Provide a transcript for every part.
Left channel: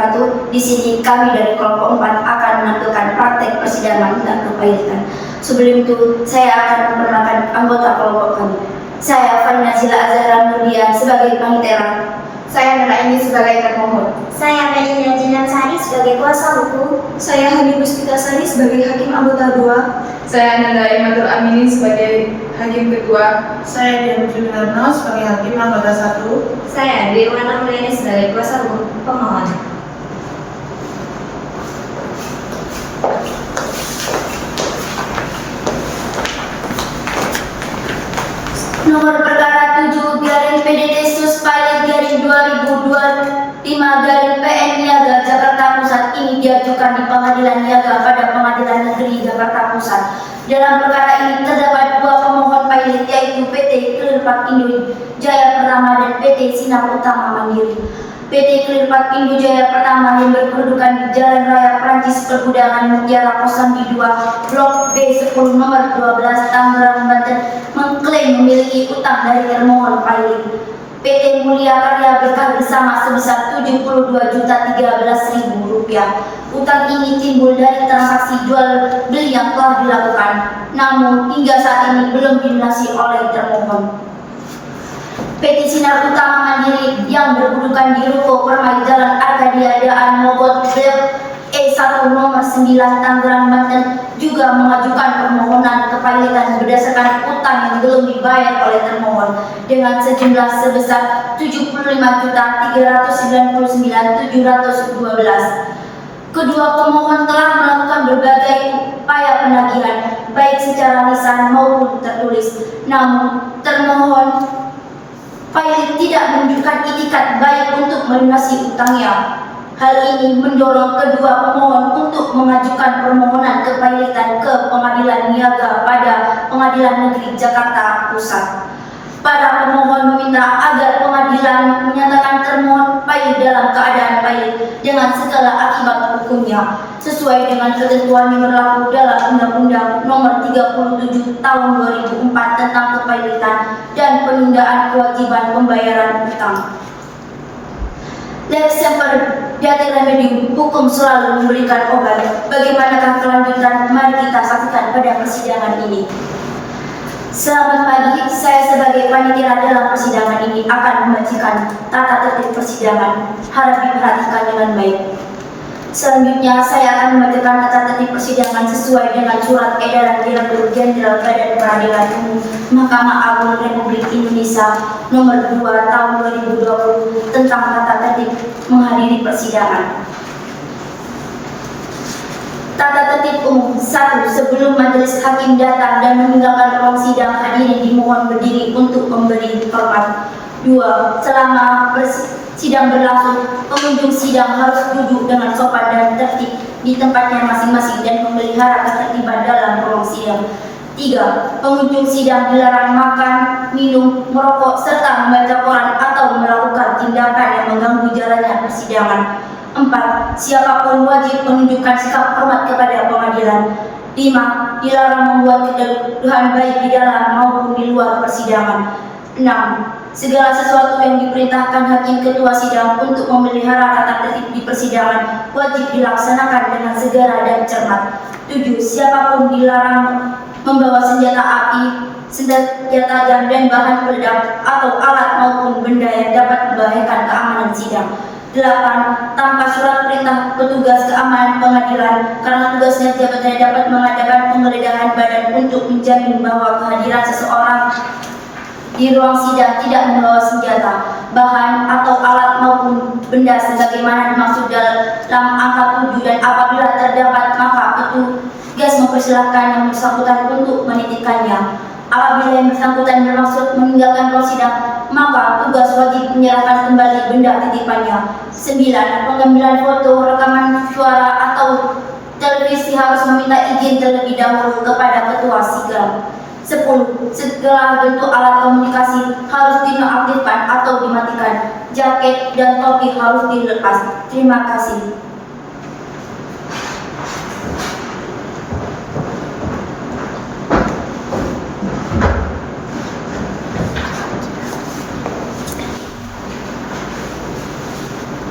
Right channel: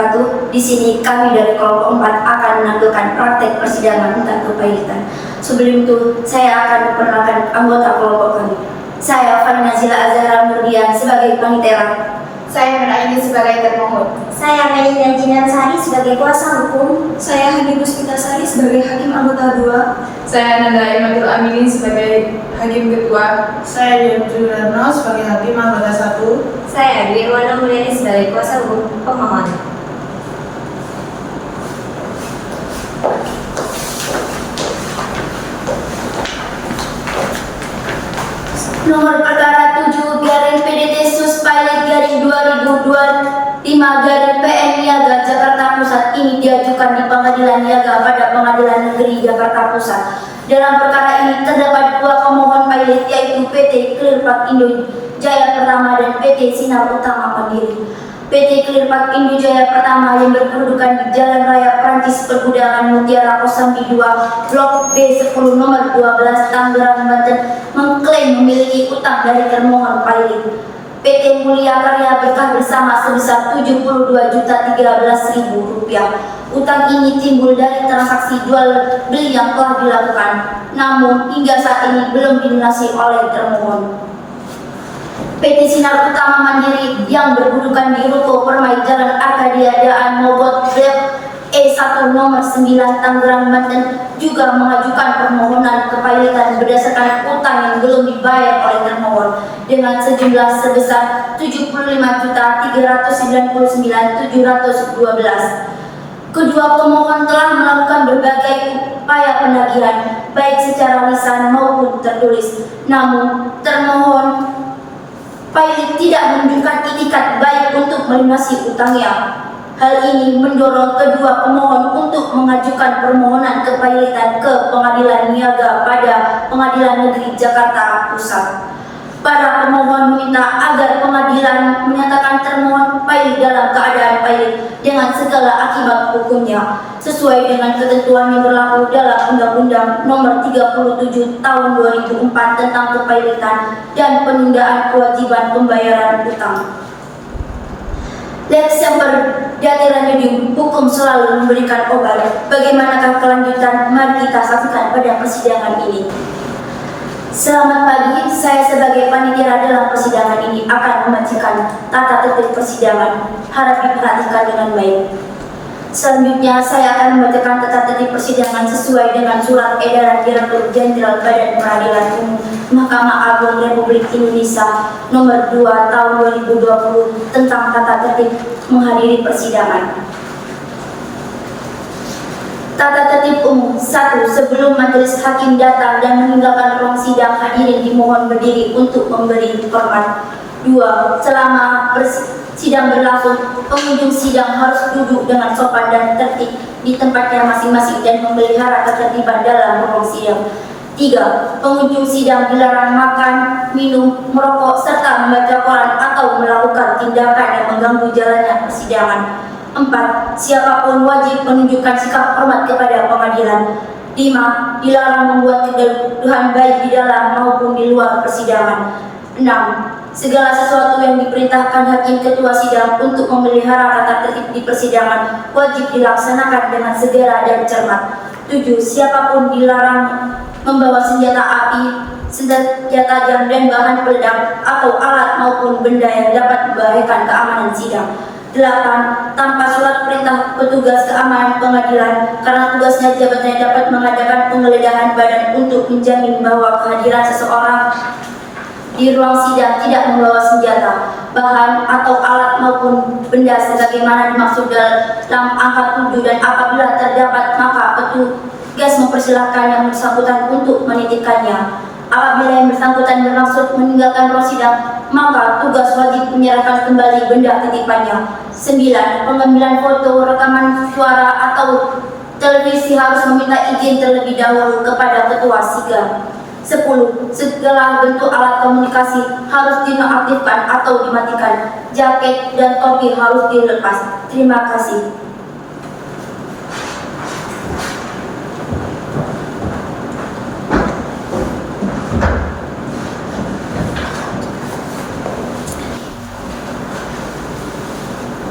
wabarakatuh. Di sini kami dari kelompok 4 akan menampilkan praktek persidangan tentang kepailitan. Sebelum itu, saya akan memperkenalkan anggota kelompok kami. Saya Fani Nazila Azhara Nurdian sebagai panitera. Saya Nura ini sebagai termohon. Saya Melinda Jinan Sari sebagai kuasa hukum. Saya Hani Puspita Sari sebagai hakim anggota 2. Saya Nanda Imatul Aminin sebagai hakim ketua. Saya Dewi Juliano sebagai hakim anggota 1. Saya Dewana Mulyani sebagai kuasa hukum pemohon. Nomor perkara 7 garing PDT Sus Pilot garing 2025 garing PN Niaga Jakarta Pusat ini diajukan di Pengadilan Niaga pada Pengadilan Negeri Jakarta Pusat. Dalam perkara ini terdapat dua pemohon pilot yaitu PT Clearpark Indo Jaya Pertama dan PT Sinar Utama Mandiri. PT Clearpark Indo Jaya Pertama yang berkedudukan di Jalan Raya Prancis Pergudangan Mutiara Kosambi 2 Blok B10 nomor 12 Tangerang Banten mengklaim memiliki utang dari termohon pilot. PT Mulia Karya Berkah Bersama sebesar Rp72.013.000. Utang ini timbul dari transaksi jual beli yang telah dilakukan, namun hingga saat ini belum dilunasi oleh termohon. PT Sinar Utama Mandiri yang berkedudukan di Ruko Permai Jalan Arkadia Daan Mogot Blok E1 nomor 9 Tangerang Banten juga mengajukan permohonan kepailitan berdasarkan utang yang belum dibayar oleh termohon dengan sejumlah sebesar Rp75.399.712. Kedua pemohon telah melakukan berbagai upaya penagihan baik secara lisan maupun tertulis, namun termohon pilot tidak menunjukkan itikat baik untuk melunasi utangnya. Hal ini mendorong kedua pemohon untuk mengajukan permohonan kepailitan ke Pengadilan Niaga pada Pengadilan Negeri Jakarta Pusat. Para pemohon meminta agar pengadilan menyatakan termohon pilot dalam keadaan pilot dengan segala akibat hukumnya sesuai dengan ketentuan yang berlaku dalam Undang-Undang Nomor 37 Tahun 2004 tentang kepailitan dan penundaan kewajiban pembayaran utang. Lex Semper Jatiran Medium, hukum selalu memberikan obat. Bagaimanakah kelanjutan? Mari kita saksikan pada persidangan ini. Selamat pagi, saya sebagai panitia dalam persidangan ini akan membacakan tata tertib persidangan. Harap diperhatikan dengan baik. Selanjutnya, saya akan membacakan tata tertib persidangan sesuai dengan surat edaran Direktur Jenderal Badan Peradilan Umum Mahkamah Agung Republik Indonesia Nomor 2 Tahun 2020 tentang tata tertib menghadiri persidangan. Tata tertib umum 1. Sebelum majelis hakim datang dan meninggalkan ruang sidang, hadirin dimohon berdiri untuk memberi hormat. 2. Selama sidang berlangsung, pengunjung sidang harus duduk dengan sopan dan tertib di tempatnya masing-masing dan memelihara ketertiban dalam ruang sidang. 3. Pengunjung sidang dilarang makan, minum, merokok, serta membaca koran atau melakukan tindakan yang mengganggu jalannya persidangan. 4. Siapapun wajib menunjukkan sikap hormat kepada pengadilan. 5. Dilarang membuat kegaduhan baik di dalam maupun di luar persidangan. 6. Segala sesuatu yang diperintahkan hakim ketua sidang untuk memelihara tata tertib di persidangan wajib dilaksanakan dengan segera dan cermat. 7. Siapapun dilarang membawa senjata api, senjata tajam dan bahan peledak atau alat maupun benda yang dapat membahayakan keamanan sidang. 8. Tanpa surat perintah petugas keamanan pengadilan karena tugasnya jabatannya dapat mengadakan penggeledahan badan untuk menjamin bahwa kehadiran seseorang di ruang sidang tidak membawa senjata, bahan atau alat maupun benda sebagaimana dimaksud dalam angka 7 dan apabila terdapat maka petugas mempersilahkan yang bersangkutan untuk menitipkannya. Apabila yang bersangkutan bermaksud meninggalkan ruang sidang, maka tugas wajib menyerahkan kembali benda titipannya. 9. Pengambilan foto, rekaman suara atau televisi harus meminta izin terlebih dahulu kepada ketua sidang. 10. Segala bentuk alat komunikasi harus dinonaktifkan atau dimatikan. Jaket dan topi harus dilepas. Terima kasih.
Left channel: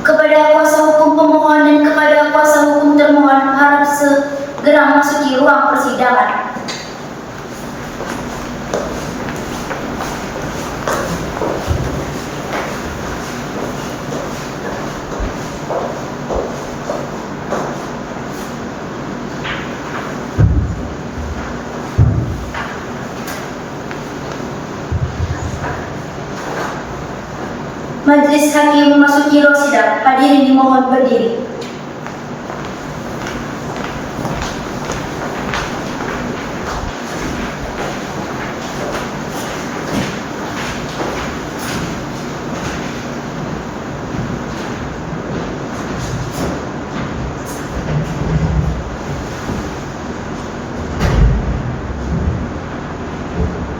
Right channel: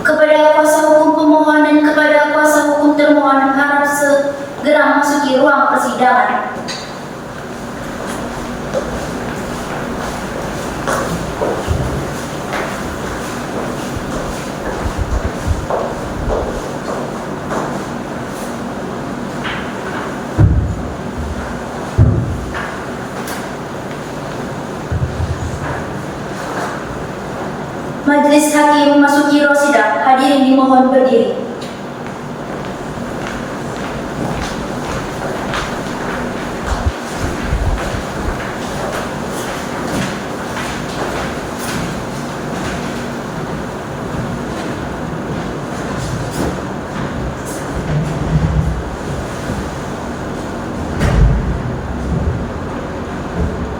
Kepada kuasa hukum pemohon segera memasuki ruang persidangan. Majelis Hakim memasuki ruang sidang. Hadirin dimohon berdiri.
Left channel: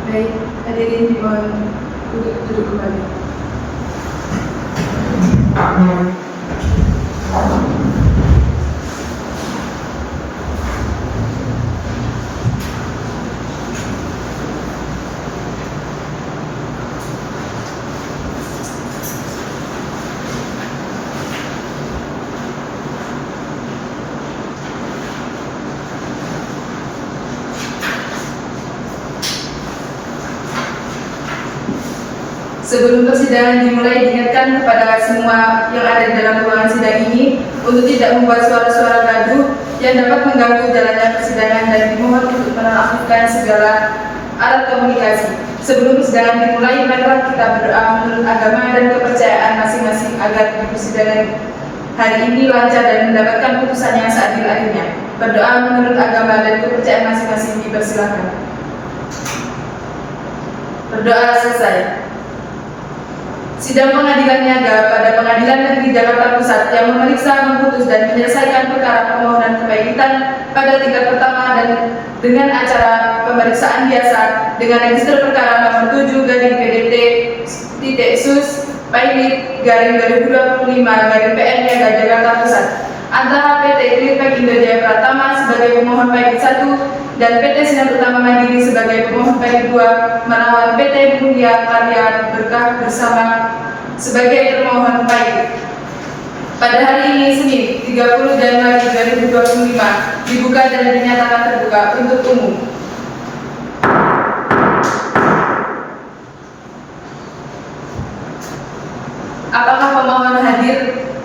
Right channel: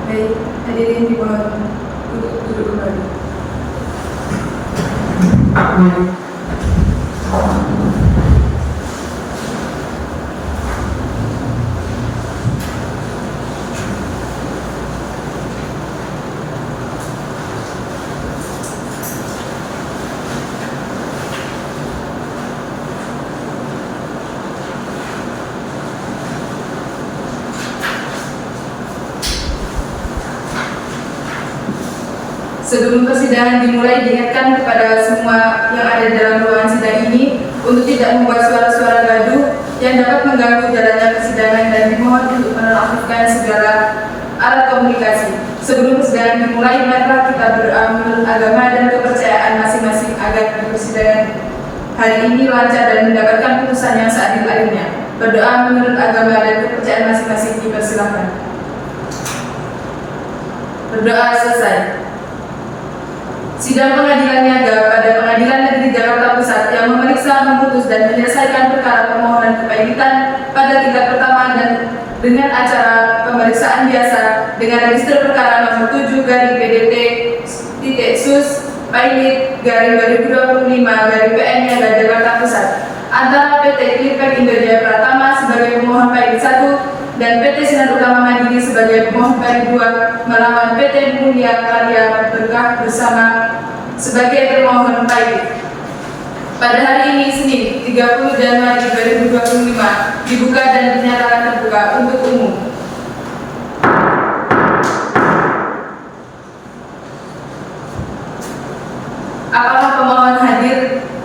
Baik, hadirin dimohon untuk duduk kembali. Sebelum persidangan dimulai, diingatkan kepada semua yang ada di dalam ruangan sidang ini untuk tidak membuat suara-suara gaduh yang dapat mengganggu jalannya persidangan dan dimohon untuk menonaktifkan segala alat komunikasi. Sebelum persidangan dimulai, marilah kita berdoa menurut agama dan kepercayaan masing-masing agar di persidangan hari ini lancar dan mendapatkan putusan yang seadil-adilnya. Berdoa menurut agama dan kepercayaan masing-masing, dipersilakan. Berdoa selesai. Sidang Pengadilan Niaga pada Pengadilan Negeri Jakarta Pusat yang memeriksa, memutus, dan menyelesaikan perkara permohonan kepailitan pada tingkat pertama dan dengan acara pemeriksaan biasa dengan register perkara nomor 7/PDT/PILIT/2025/PN Niaga Jakarta Pusat antara PT Clearpack Indojaya Pratama sebagai pemohon pailit 1 dan PT Sinar Utama Mandiri sebagai pemohon pailit 2 melawan PT Mulia Karya Berkah bersama sebagai termohon pailit. Pada hari ini, Senin, 30 Januari 2025, dibuka dan dinyatakan terbuka untuk umum. Apakah pemohon hadir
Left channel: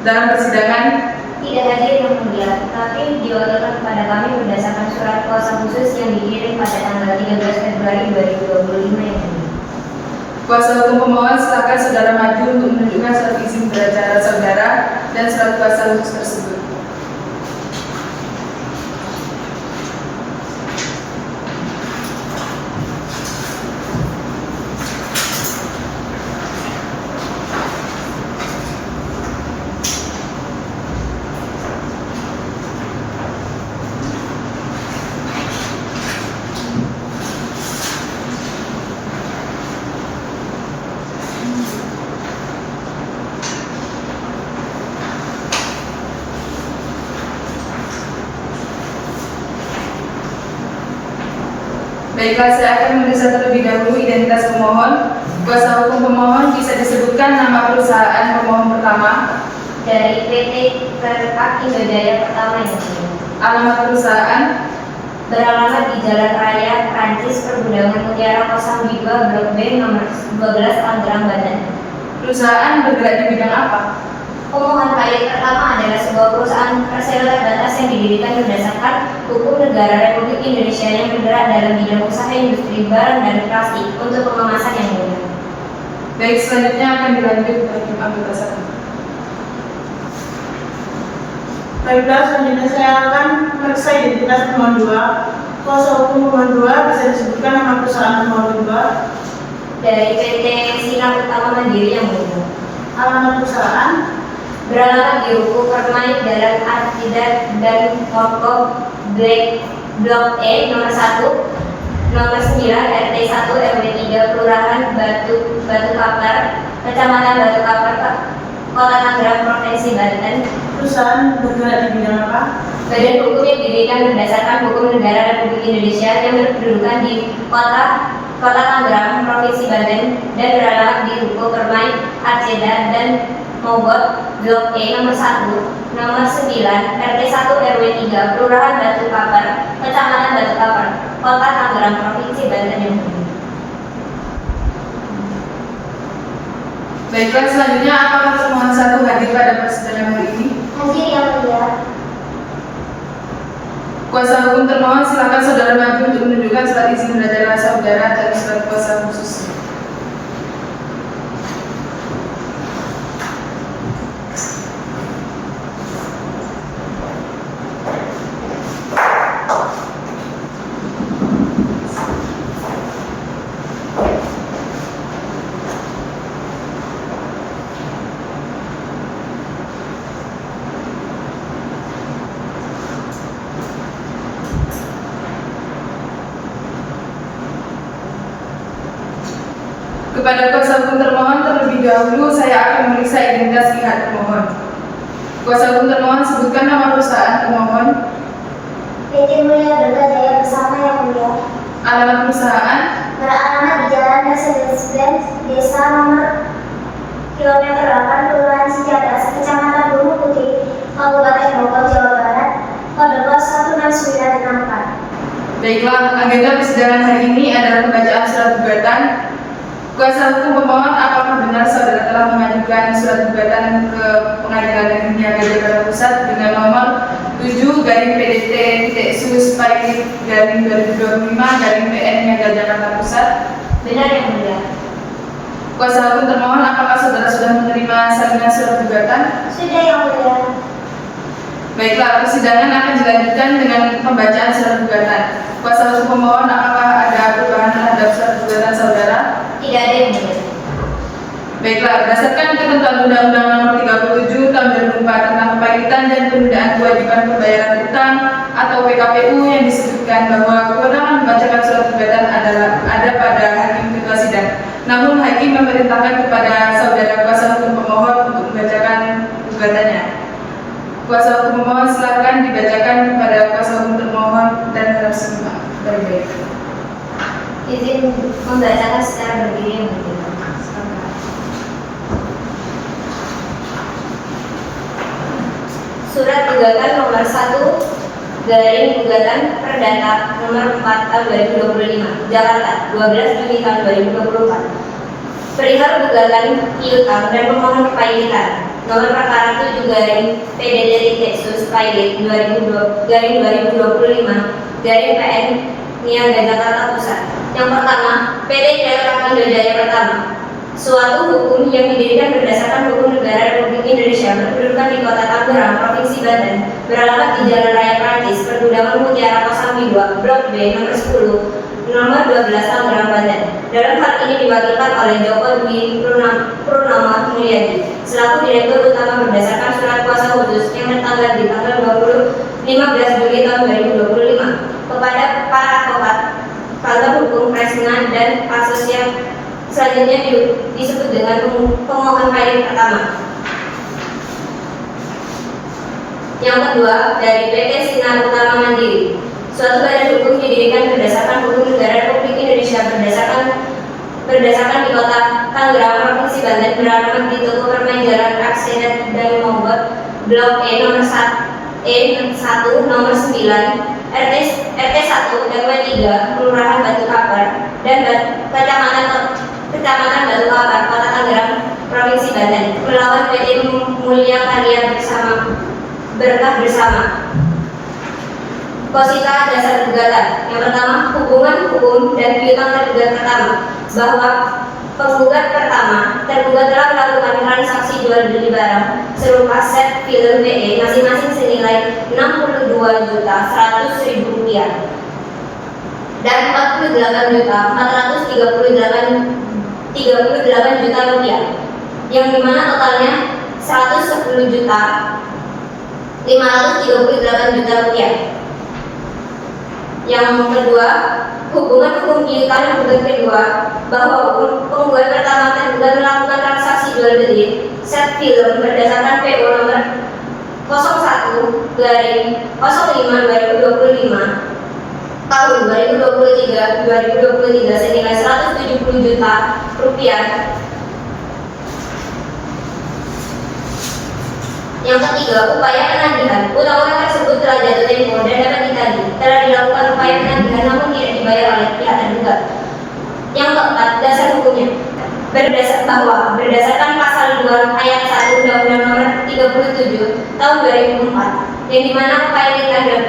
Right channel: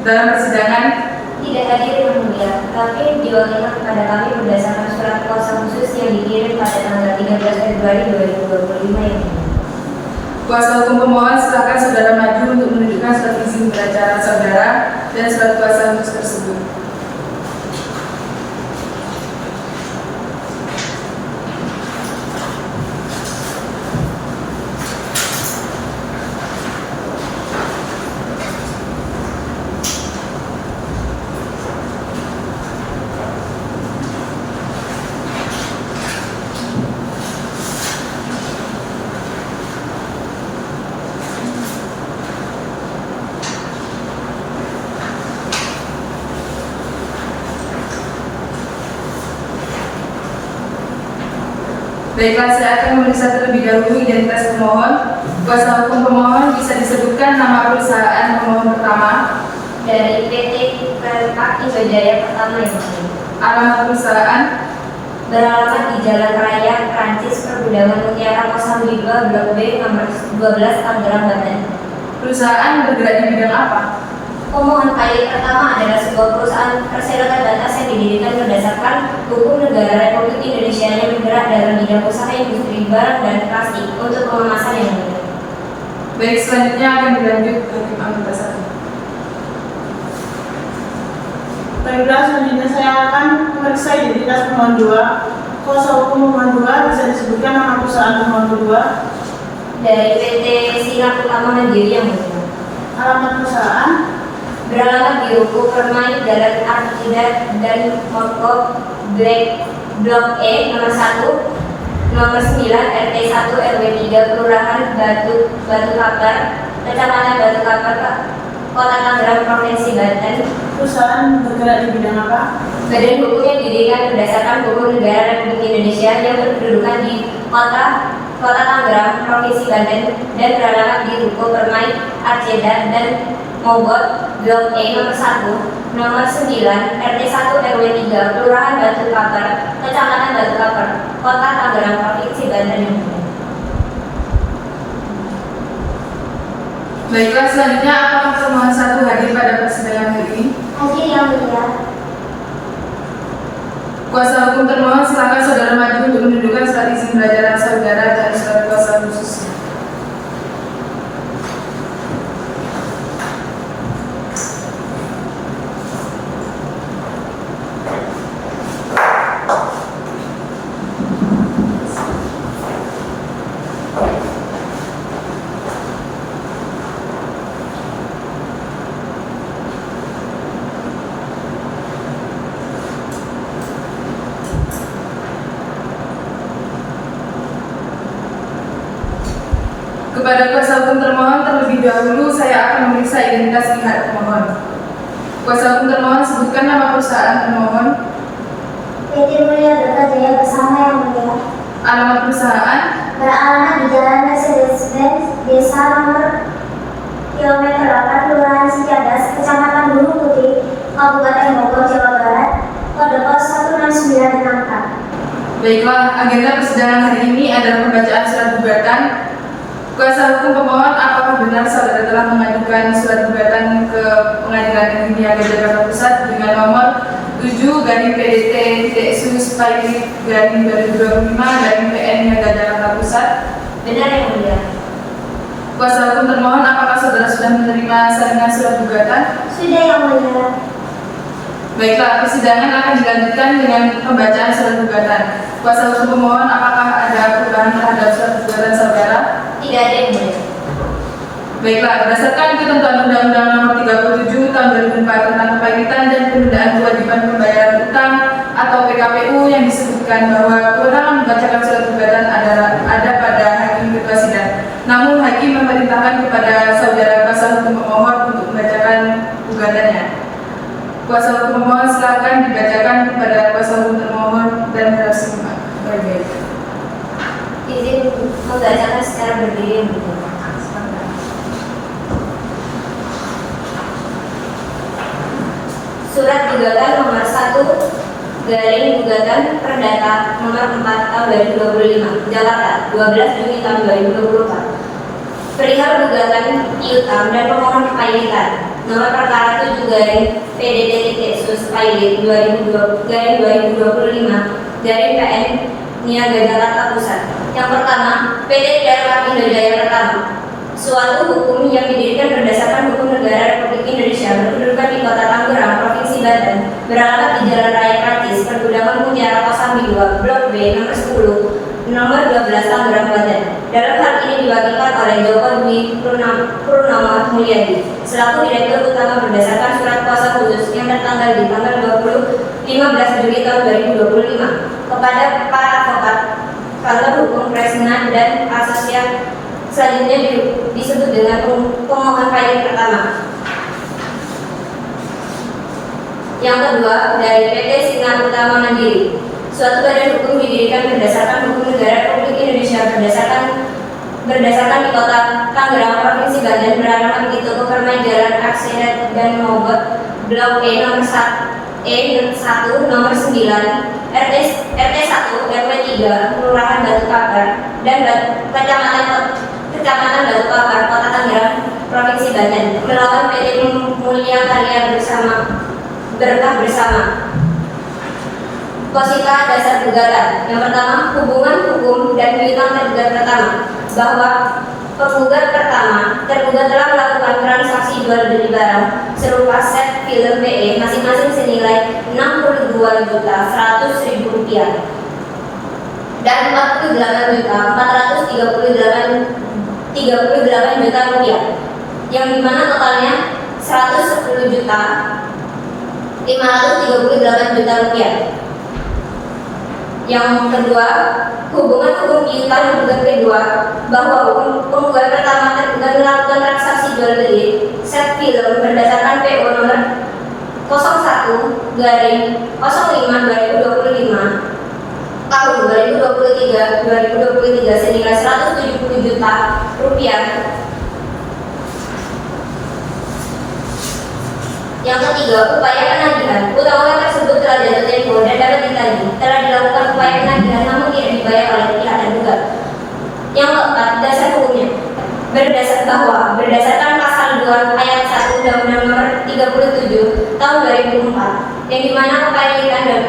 dalam persidangan? Tidak hadir yang mulia, tetapi diwakilkan kepada kami berdasarkan surat kuasa khusus yang dikirim pada tanggal 13 Februari 2025 yang mulia. Kuasa hukum pemohon, silakan saudara maju untuk menunjukkan surat izin beracara saudara dan surat kuasa khusus tersebut. Baiklah, saya akan memeriksa terlebih dahulu identitas pemohon. Kuasa hukum pemohon bisa disebutkan nama perusahaan pemohon pertama Dari PT Clearpack Indojaya Pratama yang mulia. alamat perusahaan Beralamat di Jalan Raya Prancis Pergudangan Mutiara 02 Blok B nomor 12 Tangerang, Banten. perusahaan bergerak di bidang apa? Pemohon pailit pertama adalah sebuah perusahaan persero terbatas yang didirikan berdasarkan hukum negara Republik Indonesia yang bergerak dalam bidang usaha industri barang dan plastik untuk pengemasan yang mulia. Baik, selanjutnya akan dilanjut hakim anggota 1. Baiklah, selanjutnya saya akan memeriksa identitas pemohon 2. Kuasa hukum pemohon 2 bisa disebutkan nama perusahaan pemohon 2. Dari PT Sinar Utama Mandiri yang mulia. Alamat perusahaan Beralamat di Ruko Permai Jalan Artidat dan Toko Blok E nomor 1 nomor 9 RT 1 RW 3 Kelurahan Batu Kapar, Kecamatan Batu Kapar, Kota Tangerang, Provinsi Banten. perusahaan bergerak di bidang apa? Badan hukum yang didirikan berdasarkan hukum negara Republik Indonesia yang berkedudukan di Kota Tangerang, Provinsi Banten dan beralamat di Ruko Permai Artidat dan Mogot Blok E nomor 1, nomor 9, RT 1 RW 3, Kelurahan Batu Kapar, Kecamatan Batu Kapar, Kota Tangerang, Provinsi Banten yang mulia. Baiklah, selanjutnya apakah termohon 1 hadir pada persidangan hari ini? Hadir yang mulia. Kuasa hukum termohon silakan saudara maju untuk menunjukkan surat izin belajaran saudara dan surat kuasa khusus. Kepada kuasa hukum termohon terlebih dahulu saya akan memeriksa identitas pihak termohon. Kuasa hukum termohon sebutkan nama perusahaan termohon. PT Mulia Berkah Jaya Bersama yang mulia. Alamat perusahaan. Beralamat di Jalan Mercedes-Benz, Desa nomor kilometer 8, Kelurahan Cicadas, Kecamatan Gunung Putih, Kabupaten Bogor, Jawa Barat, kode pos 16964. Baiklah, agenda persidangan hari ini adalah pembacaan surat gugatan. Kuasa hukum pemohon, apakah benar saudara telah mengajukan surat gugatan ke Pengadilan Negeri Niaga Jakarta Pusat dengan nomor 7/PDT-Sus/2025/PN Niaga Jakarta Pusat? Benar yang mulia. Kuasa hukum termohon, apakah saudara sudah menerima salinan surat gugatan? Sudah yang mulia. Baiklah, persidangan akan dilanjutkan dengan pembacaan surat gugatan. Kuasa hukum pemohon, apakah ada perubahan terhadap surat gugatan saudara? Tidak ada yang mulia. Baiklah, berdasarkan ketentuan Undang-Undang Nomor 37 Tahun 2004 tentang Kepanitan dan Penundaan Kewajiban Pembayaran Utang atau PKPU yang disebutkan bahwa kewenangan membacakan surat gugatan ada pada hakim ketua sidang. Namun hakim memerintahkan kepada saudara kuasa hukum pemohon untuk membacakan gugatannya. Kuasa hukum pemohon silakan dibacakan kepada kuasa hukum termohon dan harap simak baik-baik. Izin membacakan secara berdiri yang mulia. Surat gugatan nomor 1 garing gugatan perdata nomor 4 tahun 2025 Jakarta 12 Juni tahun 2024 perihal gugatan piutang dan pemohon kepailitan nomor perkara 7 garing PDT-Sus/Pailit 2025 garing PN Niaga Jakarta Pusat. Yang pertama, PT Kereta Indojaya Pertama, suatu hukum yang didirikan berdasarkan hukum negara Republik Indonesia berkedudukan di Kota Tangerang, Provinsi Banten, beralamat di Jalan Raya Prancis, Pergudangan Mutiara Kosambi 2, Blok B, nomor 10, nomor 12, Tangerang, Banten. Dalam hal ini diwakilkan oleh Joko Dwi Purnomo Mulyadi, selaku Direktur Utama berdasarkan surat kuasa khusus yang tertanggal di tanggal 15 Juli tahun 2025 kepada para advokat, pakar hukum, Kresna, dan asosiat selanjutnya disebut dengan pemohon pailit pertama. Yang kedua, dari PT Sinar Utama Mandiri, suatu badan hukum didirikan berdasarkan hukum negara Republik Indonesia berdasarkan di Kota Tangerang, Provinsi Banten, beralamat di Toko Permai Aksidat dan Mogot, Blok E nomor 1 nomor 9, RT 1 RW 3, Kelurahan Batu Kapar dan Kecamatan Batu Kapar, Kota Tangerang, Provinsi Banten, melawan PT Mulia Karya Berkah Bersama. Posita dasar gugatan. Yang pertama, hubungan hukum dan piutang tergugat pertama, bahwa penggugat pertama tergugat telah melakukan transaksi jual beli barang serupa set film PE masing-masing senilai Rp62.100.000 dan Rp48.438.000 yang dimana totalnya Rp110.538.000. Yang kedua, hubungan hukum piutang yang gugat kedua, bahwa penggugat pertama tergugat melakukan transaksi jual beli set film berdasarkan PO nomor 01/05/2025 tahun 2023 senilai Rp170 juta. Yang ketiga, upaya penagihan. Utang-utang tersebut telah jatuh tempo dan dapat ditagih. Telah dilakukan upaya penagihan namun tidak dibayar oleh pihak tergugat. Yang keempat, dasar hukumnya. Berdasarkan pasal 2 ayat 1 Undang-Undang Nomor 37 Tahun 2004, yang dimana kepemilikan dan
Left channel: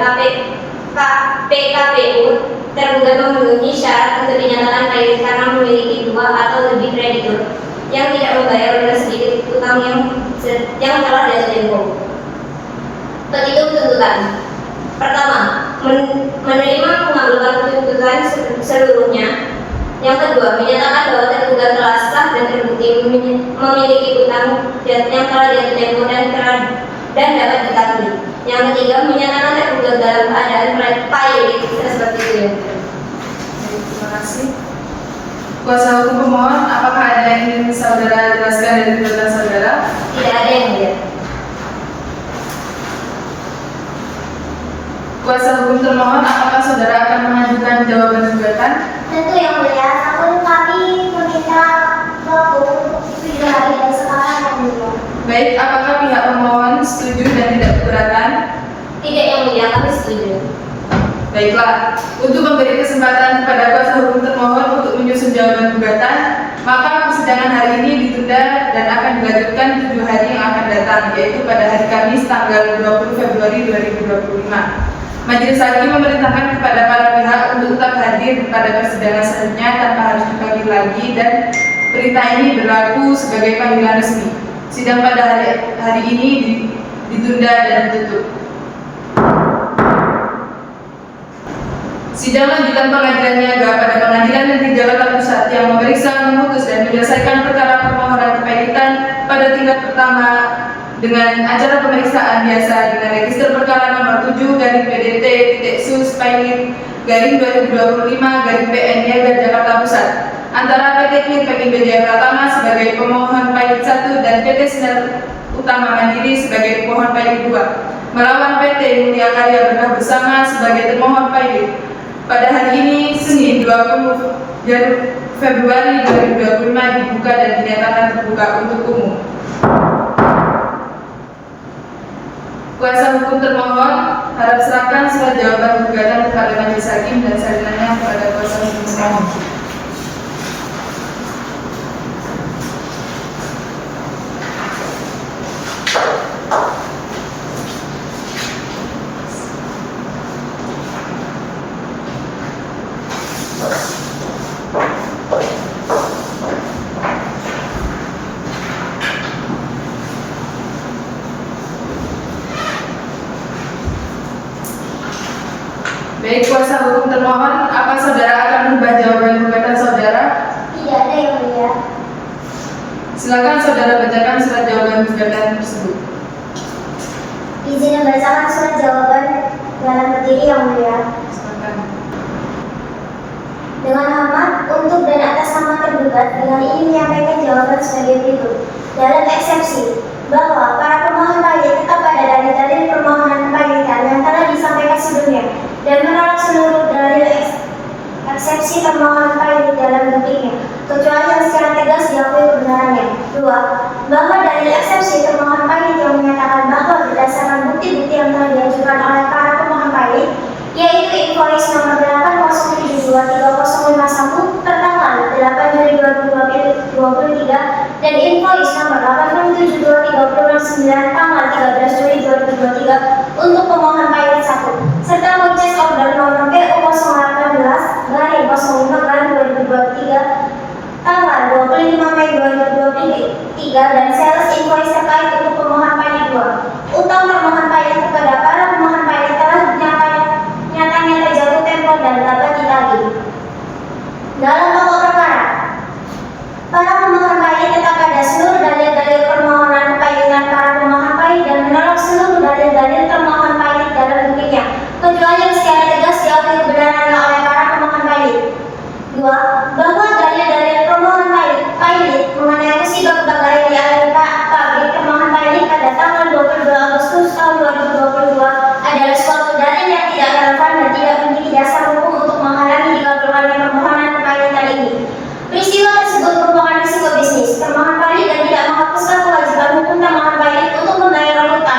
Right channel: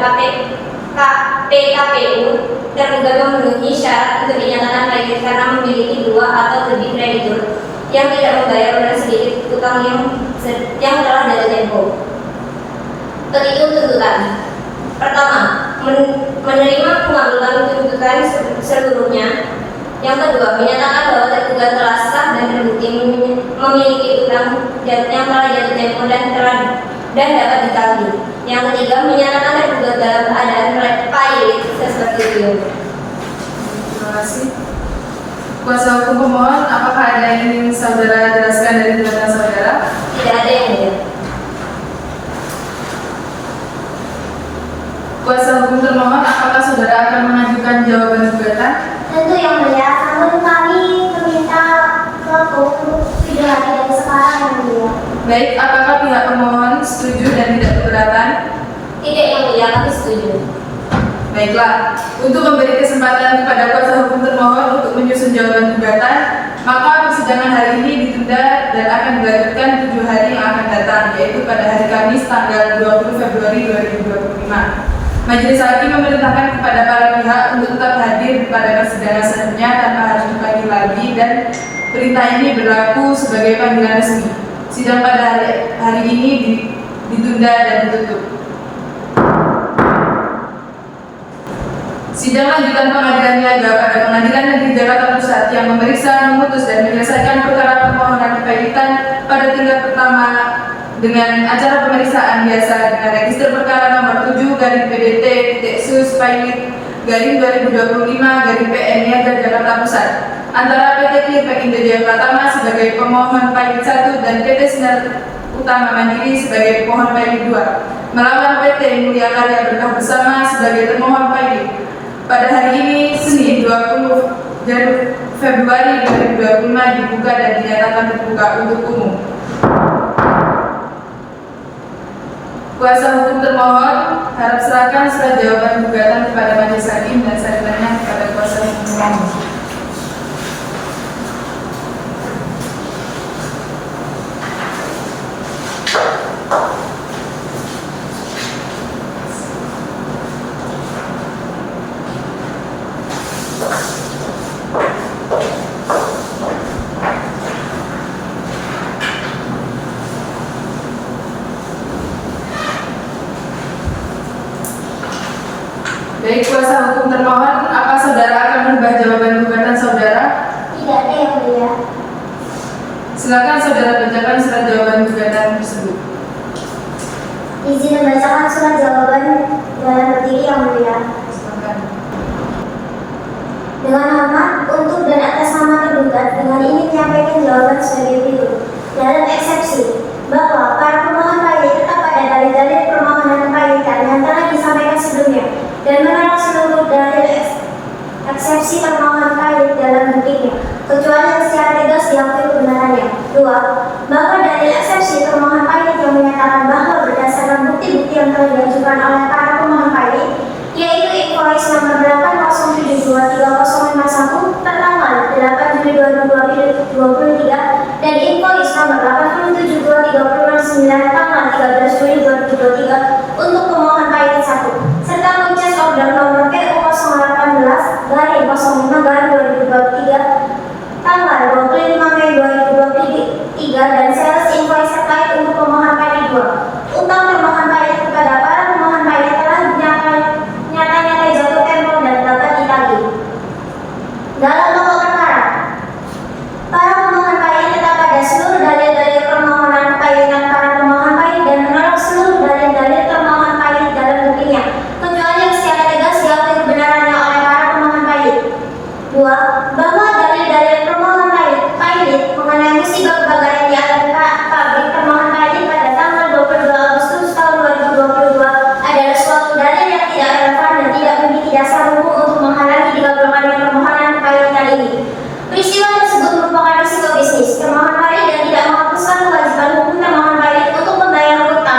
PKPU tergugat memenuhi syarat untuk dinyatakan kredit karena memiliki 2 atau lebih kreditur yang tidak membayar dengan sedikit utang yang telah jatuh tempo. Petitum tuntutan. Pertama, menerima pengabulan tuntutan seluruhnya. Yang kedua, menyatakan bahwa tergugat telah sah dan terbukti memiliki utang yang telah jatuh tempo dan dapat ditagih. Yang ketiga, menyatakan tergugat dalam keadaan pilot seperti itu. Terima kasih. Kuasa hukum pemohon, apakah ada yang ingin saudara jelaskan dari tuntutan saudara? Tidak ada yang lihat. Kuasa hukum termohon, apakah saudara akan mengajukan jawaban gugatan? Tentu yang mulia, namun kami meminta waktu untuk 7 hari dari sekarang yang mulia. Baik, apakah pihak pemohon setuju dan tidak keberatan? Tidak yang mulia, kami setuju. Baiklah, untuk memberi kesempatan kepada kuasa hukum termohon untuk menyusun jawaban gugatan, maka persidangan hari ini ditunda dan akan dilanjutkan 7 hari yang akan datang, yaitu pada hari Kamis tanggal 20 Februari 2025. Majelis Hakim memerintahkan kepada para pihak untuk tetap hadir pada persidangan selanjutnya tanpa harus dipanggil lagi dan perintah ini berlaku sebagai panggilan resmi. Sidang pada hari ini ditunda dan ditutup. Sidang lanjutan pengadilan niaga pada Pengadilan Negeri Jakarta Pusat yang memeriksa, memutus dan menyelesaikan perkara permohonan kepilitan pada tingkat pertama dengan acara pemeriksaan biasa dengan register perkara nomor 7/PDT-sus/2025/PN Niaga Jakarta Pusat antara PT Clearpack Indo Jaya Pratama sebagai pemohon pilot 1 dan PT Sinar Utama Mandiri sebagai pemohon pilot 2 melawan PT Mulia Karya Berkah Bersama sebagai termohon pilot. Pada hari ini, Senin 20 Februari 2025 dibuka dan dinyatakan terbuka untuk umum. Kuasa hukum termohon harap serahkan surat jawaban gugatan kepada majelis hakim dan salinannya kepada kuasa hukum termohon. Baik, kuasa hukum termohon, apa saudara akan merubah jawaban gugatan saudara? Tidak ada yang mulia. Silakan saudara bacakan surat jawaban gugatan tersebut. Izin membacakan surat jawaban dalam berdiri yang mulia. Silakan. Dengan hormat, untuk dan atas nama tergugat, dengan ini menyampaikan jawaban sebagai berikut. Dalam eksepsi, bahwa para pemohon pilot tetap pada dalil-dalil permohonan kepilitan yang telah disampaikan sebelumnya dan menolak seluruh dalil eksepsi termohon pilot dalam bentuknya, kecuali yang secara tegas diakui kebenarannya. 2. Bahwa dalil eksepsi termohon pilot yang menyatakan bahwa berdasarkan bukti-bukti yang telah diajukan oleh para pemohon pilot, yaitu invoice nomor 807230051 tertanggal 8 Juli 2023 dan invoice nomor 8723069 tanggal 13 Juli 2023 untuk pemohon pilot 1 serta purchase order nomor PO018-05-2023 tanggal 25 Mei 2023 dan sales invoice terkait untuk pemohon pilot 2. Utang pemohon pilot kepada para pemohon pilot telah nyata-nyata jatuh tempo dan dapat ditagih. Dalam pokok perkara, para pemohon pilot tetap pada seluruh dalil-dalil permohonan kepilitan para pemohon pilot dan menolak seluruh dalil-dalil termohon pilot dalam buktinya, kecuali yang secara tegas diakui kebenarannya oleh para pemohon pilot. 2. Bahwa dalil-dalil permohon pilot mengenai musibah kebakaran di area pabrik permohon pilot pada tanggal 22 Agustus tahun 2022 adalah suatu dalil yang tidak relevan dan tidak memiliki dasar hukum untuk menghalangi dikabulkannya permohonan kepilitan ini. Peristiwa tersebut merupakan risiko bisnis termohon pilot dan tidak menghapuskan kewajiban hukum termohon pilot untuk membayar hutang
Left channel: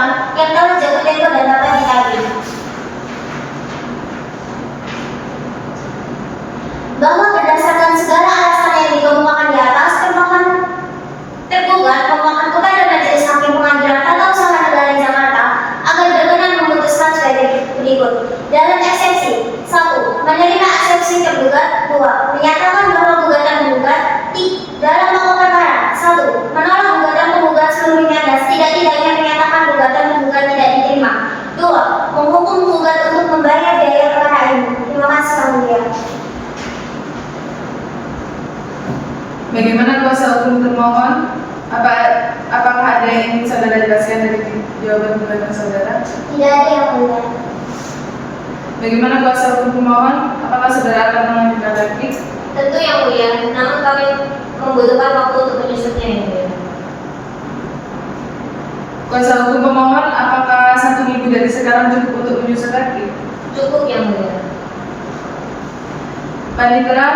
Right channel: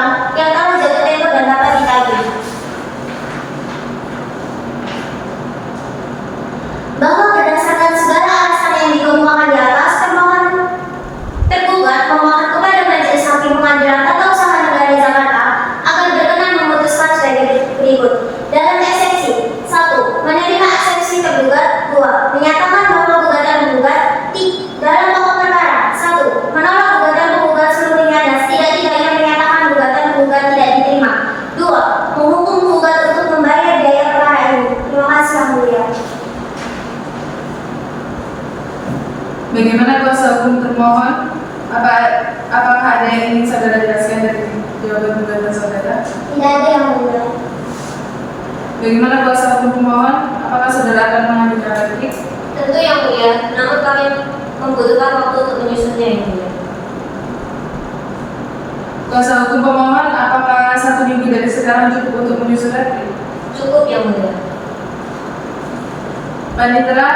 Bagaimana kuasa hukum termohon? Apakah ada yang ingin saudara jelaskan dari jawaban gugatan saudara? Tidak ada yang mulia. Bagaimana kuasa hukum pemohon? Apakah saudara akan mengajukan replik? Tentu yang mulia, namun kami membutuhkan waktu untuk menyusunnya yang mulia. Kuasa hukum pemohon, apakah 1 minggu dari sekarang cukup untuk menyusun replik? Cukup yang mulia. Panitera,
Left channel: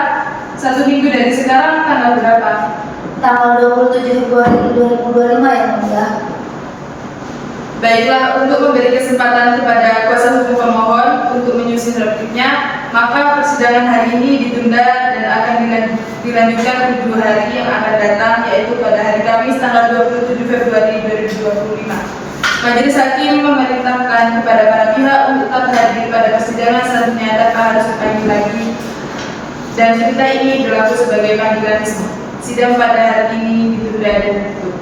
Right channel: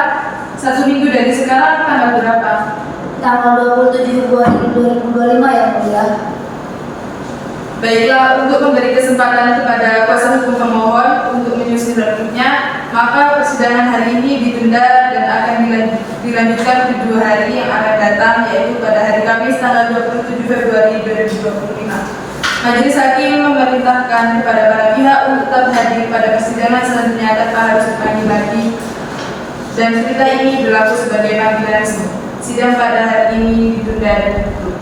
1 minggu dari sekarang tanggal berapa? Tanggal 27 Februari 2025 yang mulia. Baiklah, untuk memberi kesempatan kepada kuasa hukum pemohon untuk menyusun repliknya, maka persidangan hari ini ditunda dan akan dilanjutkan 7 hari yang akan datang, yaitu pada hari Kamis tanggal 27 Februari 2025. Majelis Hakim memerintahkan kepada para pihak untuk tetap hadir pada persidangan selanjutnya tanpa harus dipanggil lagi, dan cerita ini berlaku sebagai panggilan resmi. Sidang pada hari ini ditunda dan ditutup.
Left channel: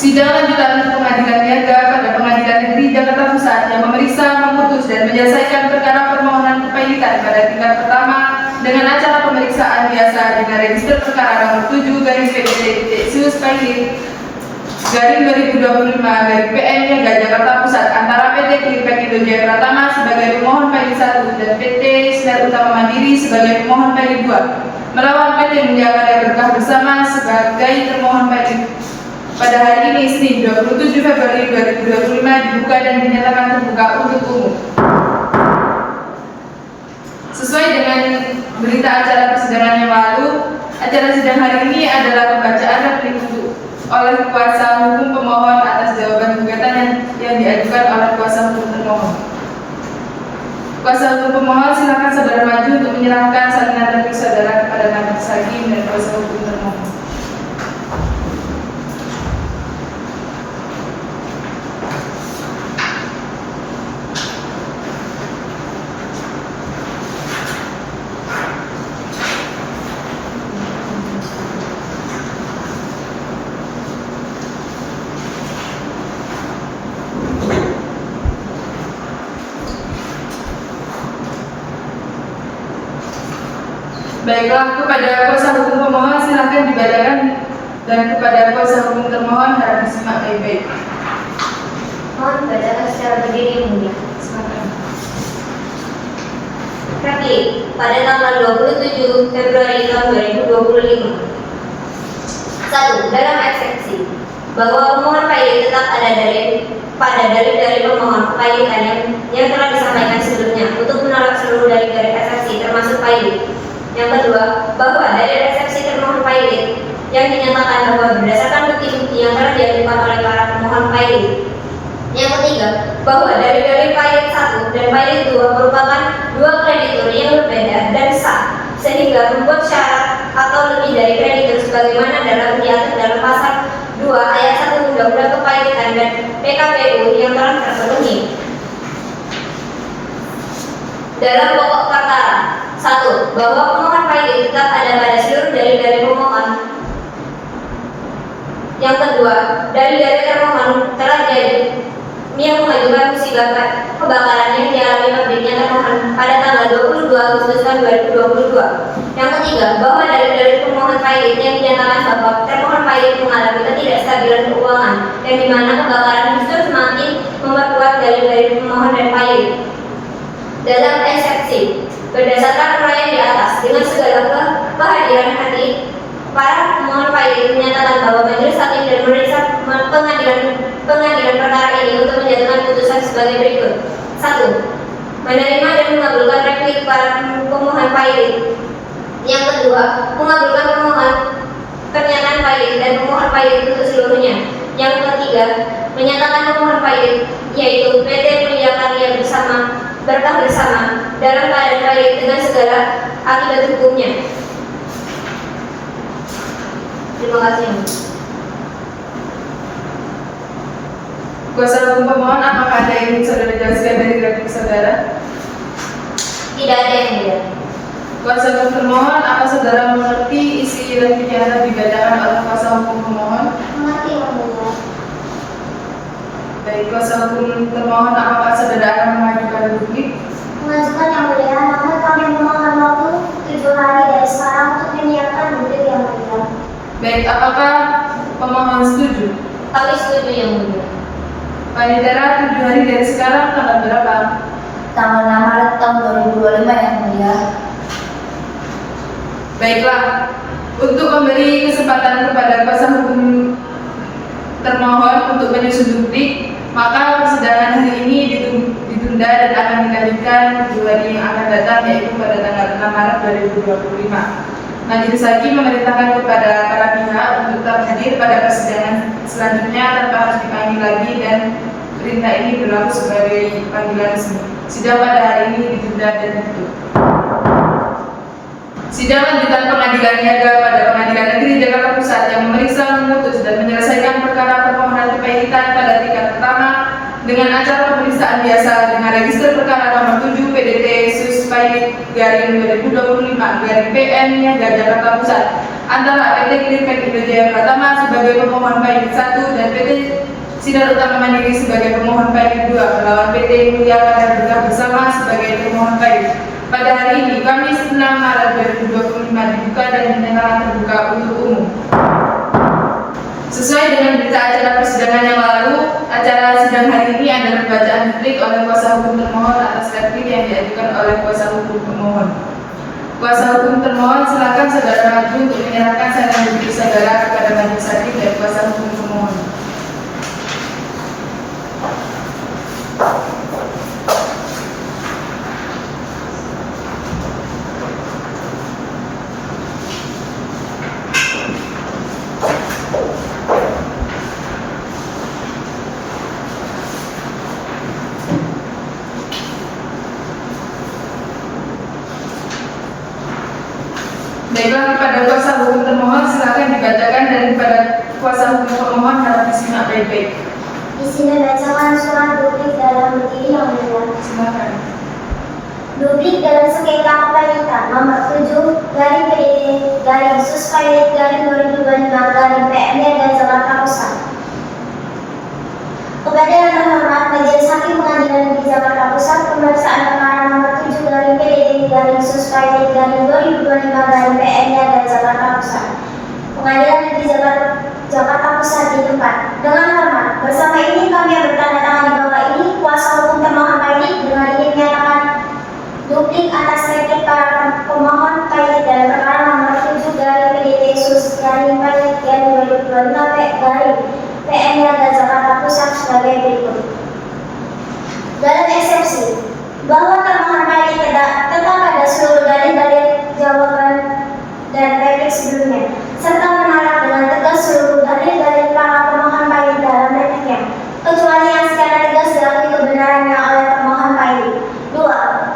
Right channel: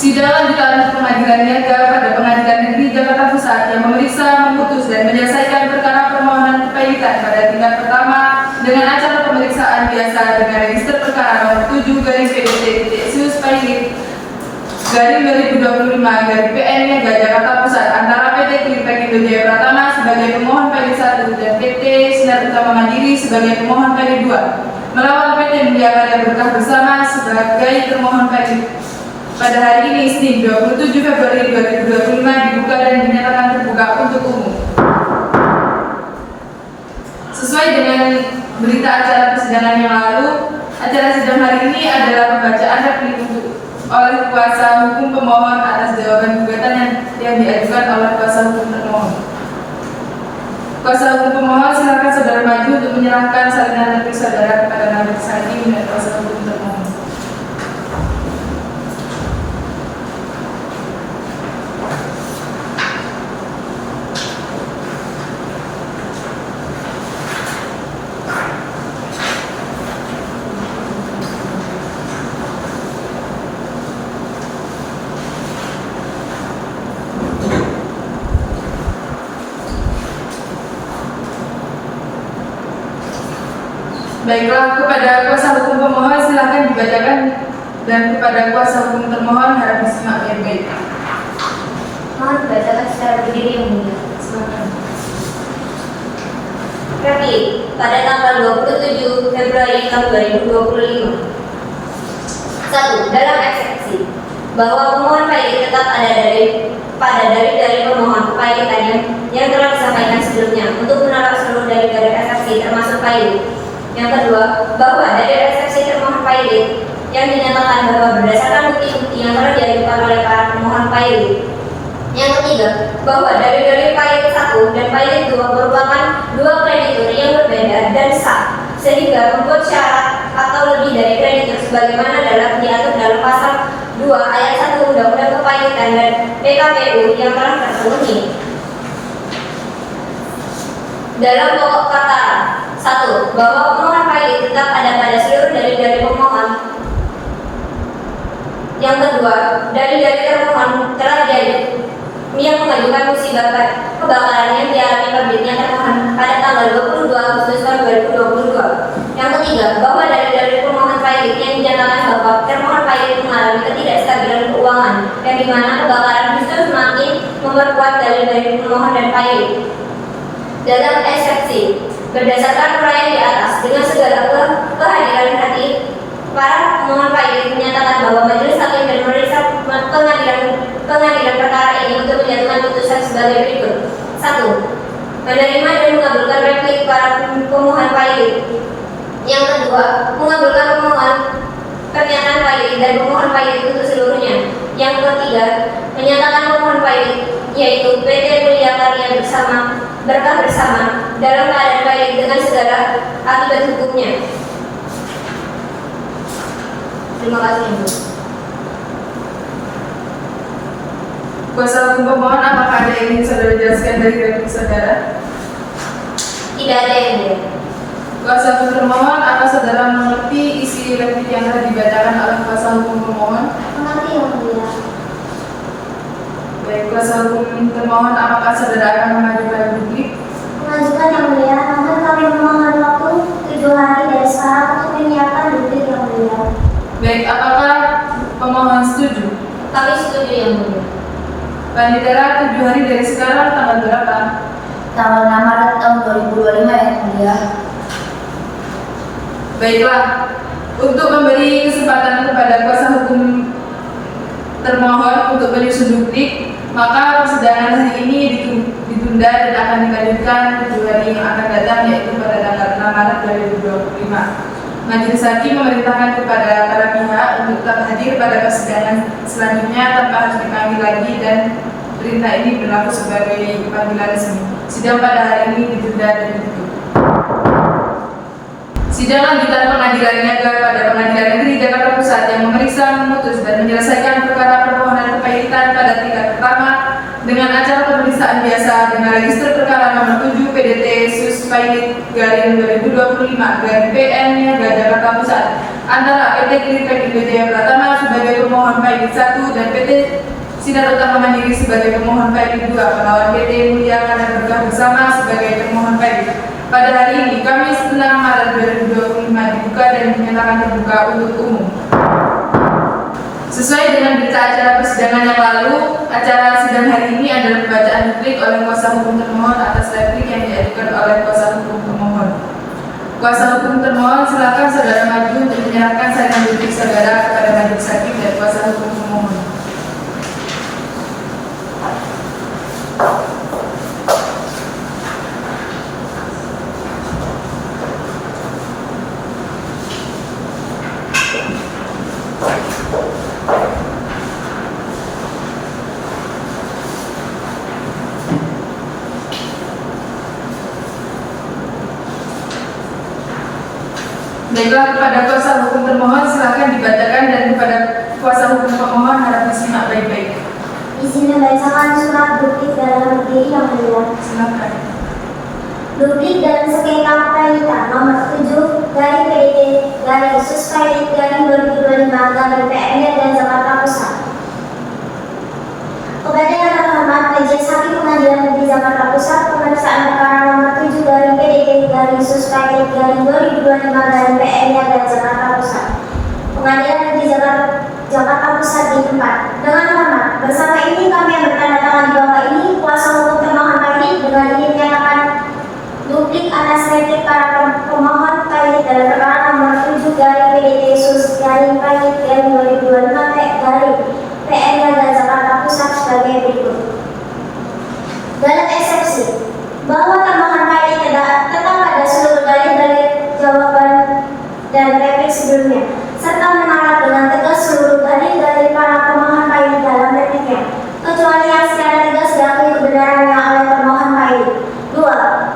Sidang lanjutan Pengadilan Niaga pada Pengadilan Negeri Jakarta Pusat yang memeriksa, memutus, dan menyelesaikan perkara permohonan kepailitan pada tingkat pertama dengan acara pemeriksaan biasa dengan register perkara nomor 7/PDT/Pailit/2025/PN Niaga Jakarta Pusat antara PT Klipek Indonesia Pratama sebagai pemohon pailit 1 dan PT Sinar Utama Mandiri sebagai pemohon pailit 2 melawan PT Mulia Karya Berkah Bersama sebagai termohon pailit. Pada hari ini, Senin 27 Februari 2025 dibuka dan dinyatakan terbuka untuk umum. Sesuai dengan berita acara persidangan yang lalu, acara sidang hari ini adalah pembacaan replik oleh kuasa hukum pemohon atas jawaban gugatan yang diajukan oleh kuasa hukum termohon. Kuasa hukum pemohon, silakan saudara maju untuk menyerahkan salinan replik saudara kepada majelis hakim dan kuasa hukum termohon. Baiklah, kepada kuasa hukum pemohon silakan dibacakan, dan kepada kuasa hukum termohon harap disimak baik-baik. Mohon bacakan secara berdiri yang mulia. Silakan. Replik pada tanggal 27 Februari tahun 2025. 1. Dalam eksepsi bahwa pemohon pailit tetap ada pada dalil pemohon kepailitan yang telah disampaikan sebelumnya untuk menolak seluruh dalil-dalil eksepsi termasuk pailit. Yang kedua, bahwa dalil eksepsi termohon pailit yang dinyatakan bahwa berdasarkan bukti-bukti yang telah diajukan oleh para pemohon pailit. Yang ketiga, bahwa dalil-dalil pailit 1 dan pailit 2 merupakan dua kreditur yang berbeda dan sah, sehingga membuat syarat atau lebih dari kreditur sebagaimana diatur dalam pasal 2 ayat 1 Undang-Undang Kepailitan dan PKPU yang telah terpenuhi. Dalam pokok perkara 1. Bahwa pemohon pailit tetap ada pada seluruh dalil-dalil pemohon. Yang kedua, dalil-dalil termohon telah yang mengajukan musibah kebakaran yang dialami pabriknya termohon pada tanggal 22 Agustus 2022. Yang ketiga, bahwa dalil-dalil pemohon pailit yang dinyatakan bahwa termohon pailit mengalami ketidakstabilan keuangan yang dimana kebakaran justru semakin memperkuat dalil-dalil pemohon dan pailit. Dalam eksepsi, berdasarkan uraian di atas, dengan segala kehadiran hati, para pemohon pailit menyatakan bahwa majelis hakim dan memeriksa pengadilan perkara ini untuk menjatuhkan putusan sebagai berikut. 1. Menerima dan mengabulkan replik para pemohon pailit. Yang kedua, mengabulkan pernyataan pailit dan pemohon pailit untuk seluruhnya. Yang ketiga, menyatakan pemohon pailit yaitu PT Mulia Karya Berkah Bersama dalam keadaan pailit dengan segala akibat hukumnya. Terima kasih, Ibu. Kuasa hukum pemohon, apakah ada yang ingin saudara jelaskan dari replik saudara? Tidak ada yang dia. Kuasa hukum termohon, apa saudara mengerti isi replik yang telah dibacakan oleh kuasa hukum pemohon? Mengerti yang mulia. Baik, kuasa hukum termohon, apakah saudara akan mengajukan replik? Mengajukan yang mulia, namun kami memohon waktu 7 hari Baik, apakah pemohon setuju? Kami setuju yang mulia. Panitera 7 hari dari sekarang tanggal berapa? Tanggal 6 Maret tahun 2025 yang mulia. Baiklah, untuk memberi kesempatan kepada kuasa hukum termohon untuk menyusun duplik, maka persidangan hari ini ditunda dan akan dilanjutkan di 2 hari yang akan datang, yaitu pada tanggal 6 Maret 2025. Majelis Hakim memerintahkan kepada para pihak untuk tetap hadir pada persidangan selanjutnya tanpa harus dipanggil lagi, dan perintah ini berlaku sebagai panggilan resmi. Sidang pada hari ini ditunda dan ditutup. Sidang lanjutan Pengadilan Niaga pada Pengadilan Negeri Jakarta Pusat yang memeriksa, memutus, dan menyelesaikan perkara permohonan kepaitan pada tingkat pertama dengan acara pemeriksaan biasa dengan register perkara nomor 7 PDT Sus Pailit garing 2025 garing PN Niaga Jakarta Pusat antara PT Clearpack Indonesia Pratama sebagai pemohon Pailit 1 dan PT Sinar Utama Mandiri sebagai pemohon Pailit 2 melawan PT Mulia Karya Berkah Bersama sebagai pemohon Pailit. Pada hari ini, Kamis 6 Maret 2025 dibuka dan dinyatakan terbuka untuk umum. Sesuai dengan berita acara persidangan yang lalu, acara sidang hari ini adalah pembacaan duplik oleh kuasa hukum termohon atas replik yang diajukan oleh kuasa hukum pemohon. Kuasa hukum termohon, silakan saudara maju untuk menyerahkan salinan duplik saudara kepada majelis hakim dan kuasa hukum pemohon. Baiklah, kepada kuasa hukum termohon silakan dibacakan, dan kepada kuasa hukum pemohon harap disimak baik-baik. Izin membacakan surat duplik dalam berdiri yang mulia. Silakan. Duplik dalam sengketa kepaitan nomor 7 garing PDT garing Sus Pailit garing 2025 garing PM dan Jakarta Pusat. Kepada yang terhormat Majelis Hakim Pengadilan Negeri Jakarta Pusat, pemeriksaan perkara nomor 7 garing PDT garing Sus Pailit garing 2025 garing PM dan Jakarta Pusat. Pengadilan Negeri Jakarta Pusat di tempat. Dengan hormat, bersama ini kami yang bertanda tangan di bawah ini, kuasa hukum termohon Pailit dengan ingin menyatakan duplik atas replik para pemohon Pailit dalam perkara nomor 7 garing PDT Sus garing Pailit garing 2025 garing PM dan Jakarta Pusat sebagai berikut. Dalam eksepsi bahwa termohon Pailit tetap pada seluruh dalil-dalil jawaban dan replik sebelumnya, serta menolak dengan tegas seluruh dalil-dalil para pemohon Pailit dalam repliknya, kecuali yang secara tegas diakui kebenarannya oleh termohon Pailit. 2.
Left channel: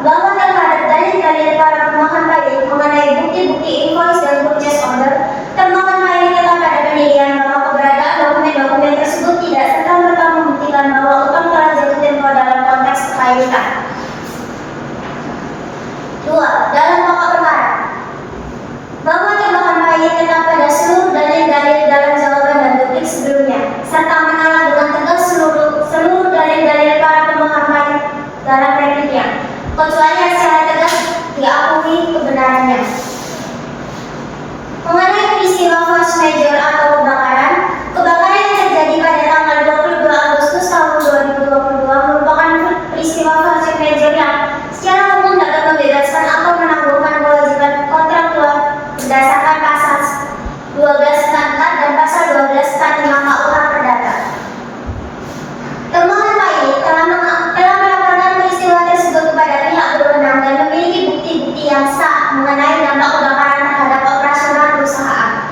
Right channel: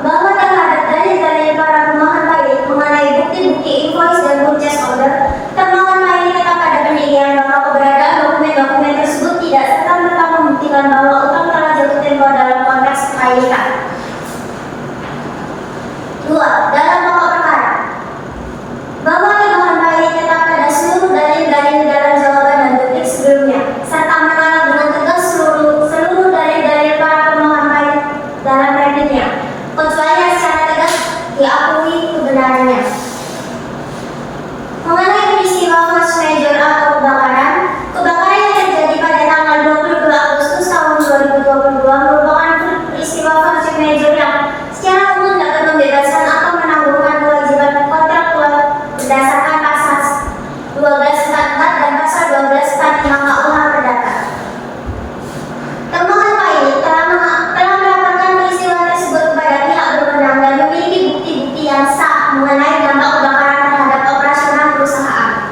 Bahwa terhadap dalil-dalil para pemohon Pailit mengenai bukti-bukti invoice dan purchase order, termohon Pailit tetap pada pendirian bahwa keberadaan dokumen-dokumen tersebut tidak serta-merta membuktikan bahwa utang telah jatuh tempo dalam konteks kepailitan. 2. Dalam pokok perkara, bahwa termohon Pailit tetap pada seluruh dalil-dalil dalam jawaban dan duplik sebelumnya, serta menolak dengan tegas seluruh dalil-dalil para pemohon Pailit dalam repliknya, kecuali yang secara tegas diakui kebenarannya. Mengenai peristiwa force major atau kebakaran yang terjadi pada tanggal 22 Agustus tahun 2022 merupakan peristiwa force major yang secara umum dapat membebaskan atau menanggungkan kewajiban kontraktual berdasarkan pasal 1244 dan pasal 1245 KUH Perdata. Termohon Pailit telah melaporkan peristiwa tersebut kepada pihak berwenang dan memiliki bukti-bukti yang sah mengenai dampak kebakaran terhadap operasional perusahaan.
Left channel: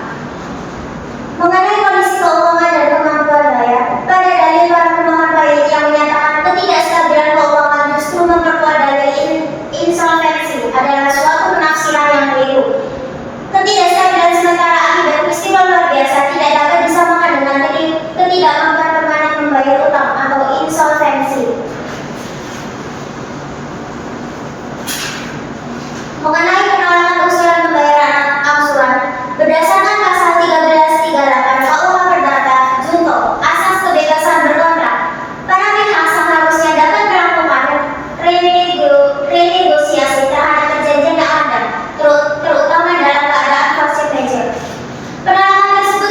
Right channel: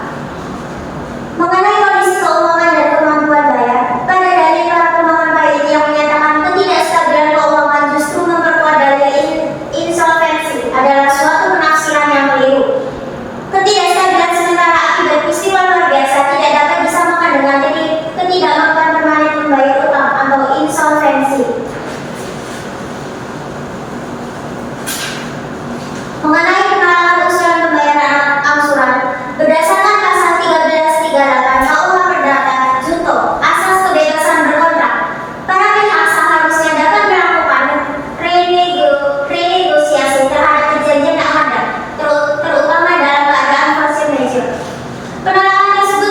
Mengenai kondisi keuangan dan kemampuan bayar, pada dalil para pemohon Pailit yang menyatakan ketidakstabilan keuangan justru memperkuat dalil insolvensi adalah suatu penafsiran yang keliru. Ketidakstabilan sementara akibat peristiwa luar biasa tidak dapat disamakan dengan ketidakmampuan permanen membayar utang atau insolvensi. Mengenai penolakan usulan pembayaran angsuran, berdasarkan pasal 1338 KUH Perdata Junto asas kebebasan berkontrak, para pihak seharusnya dapat melakukan renegosiasi terhadap perjanjian yang ada, terutama dalam keadaan force majeure. Penolakan tersebut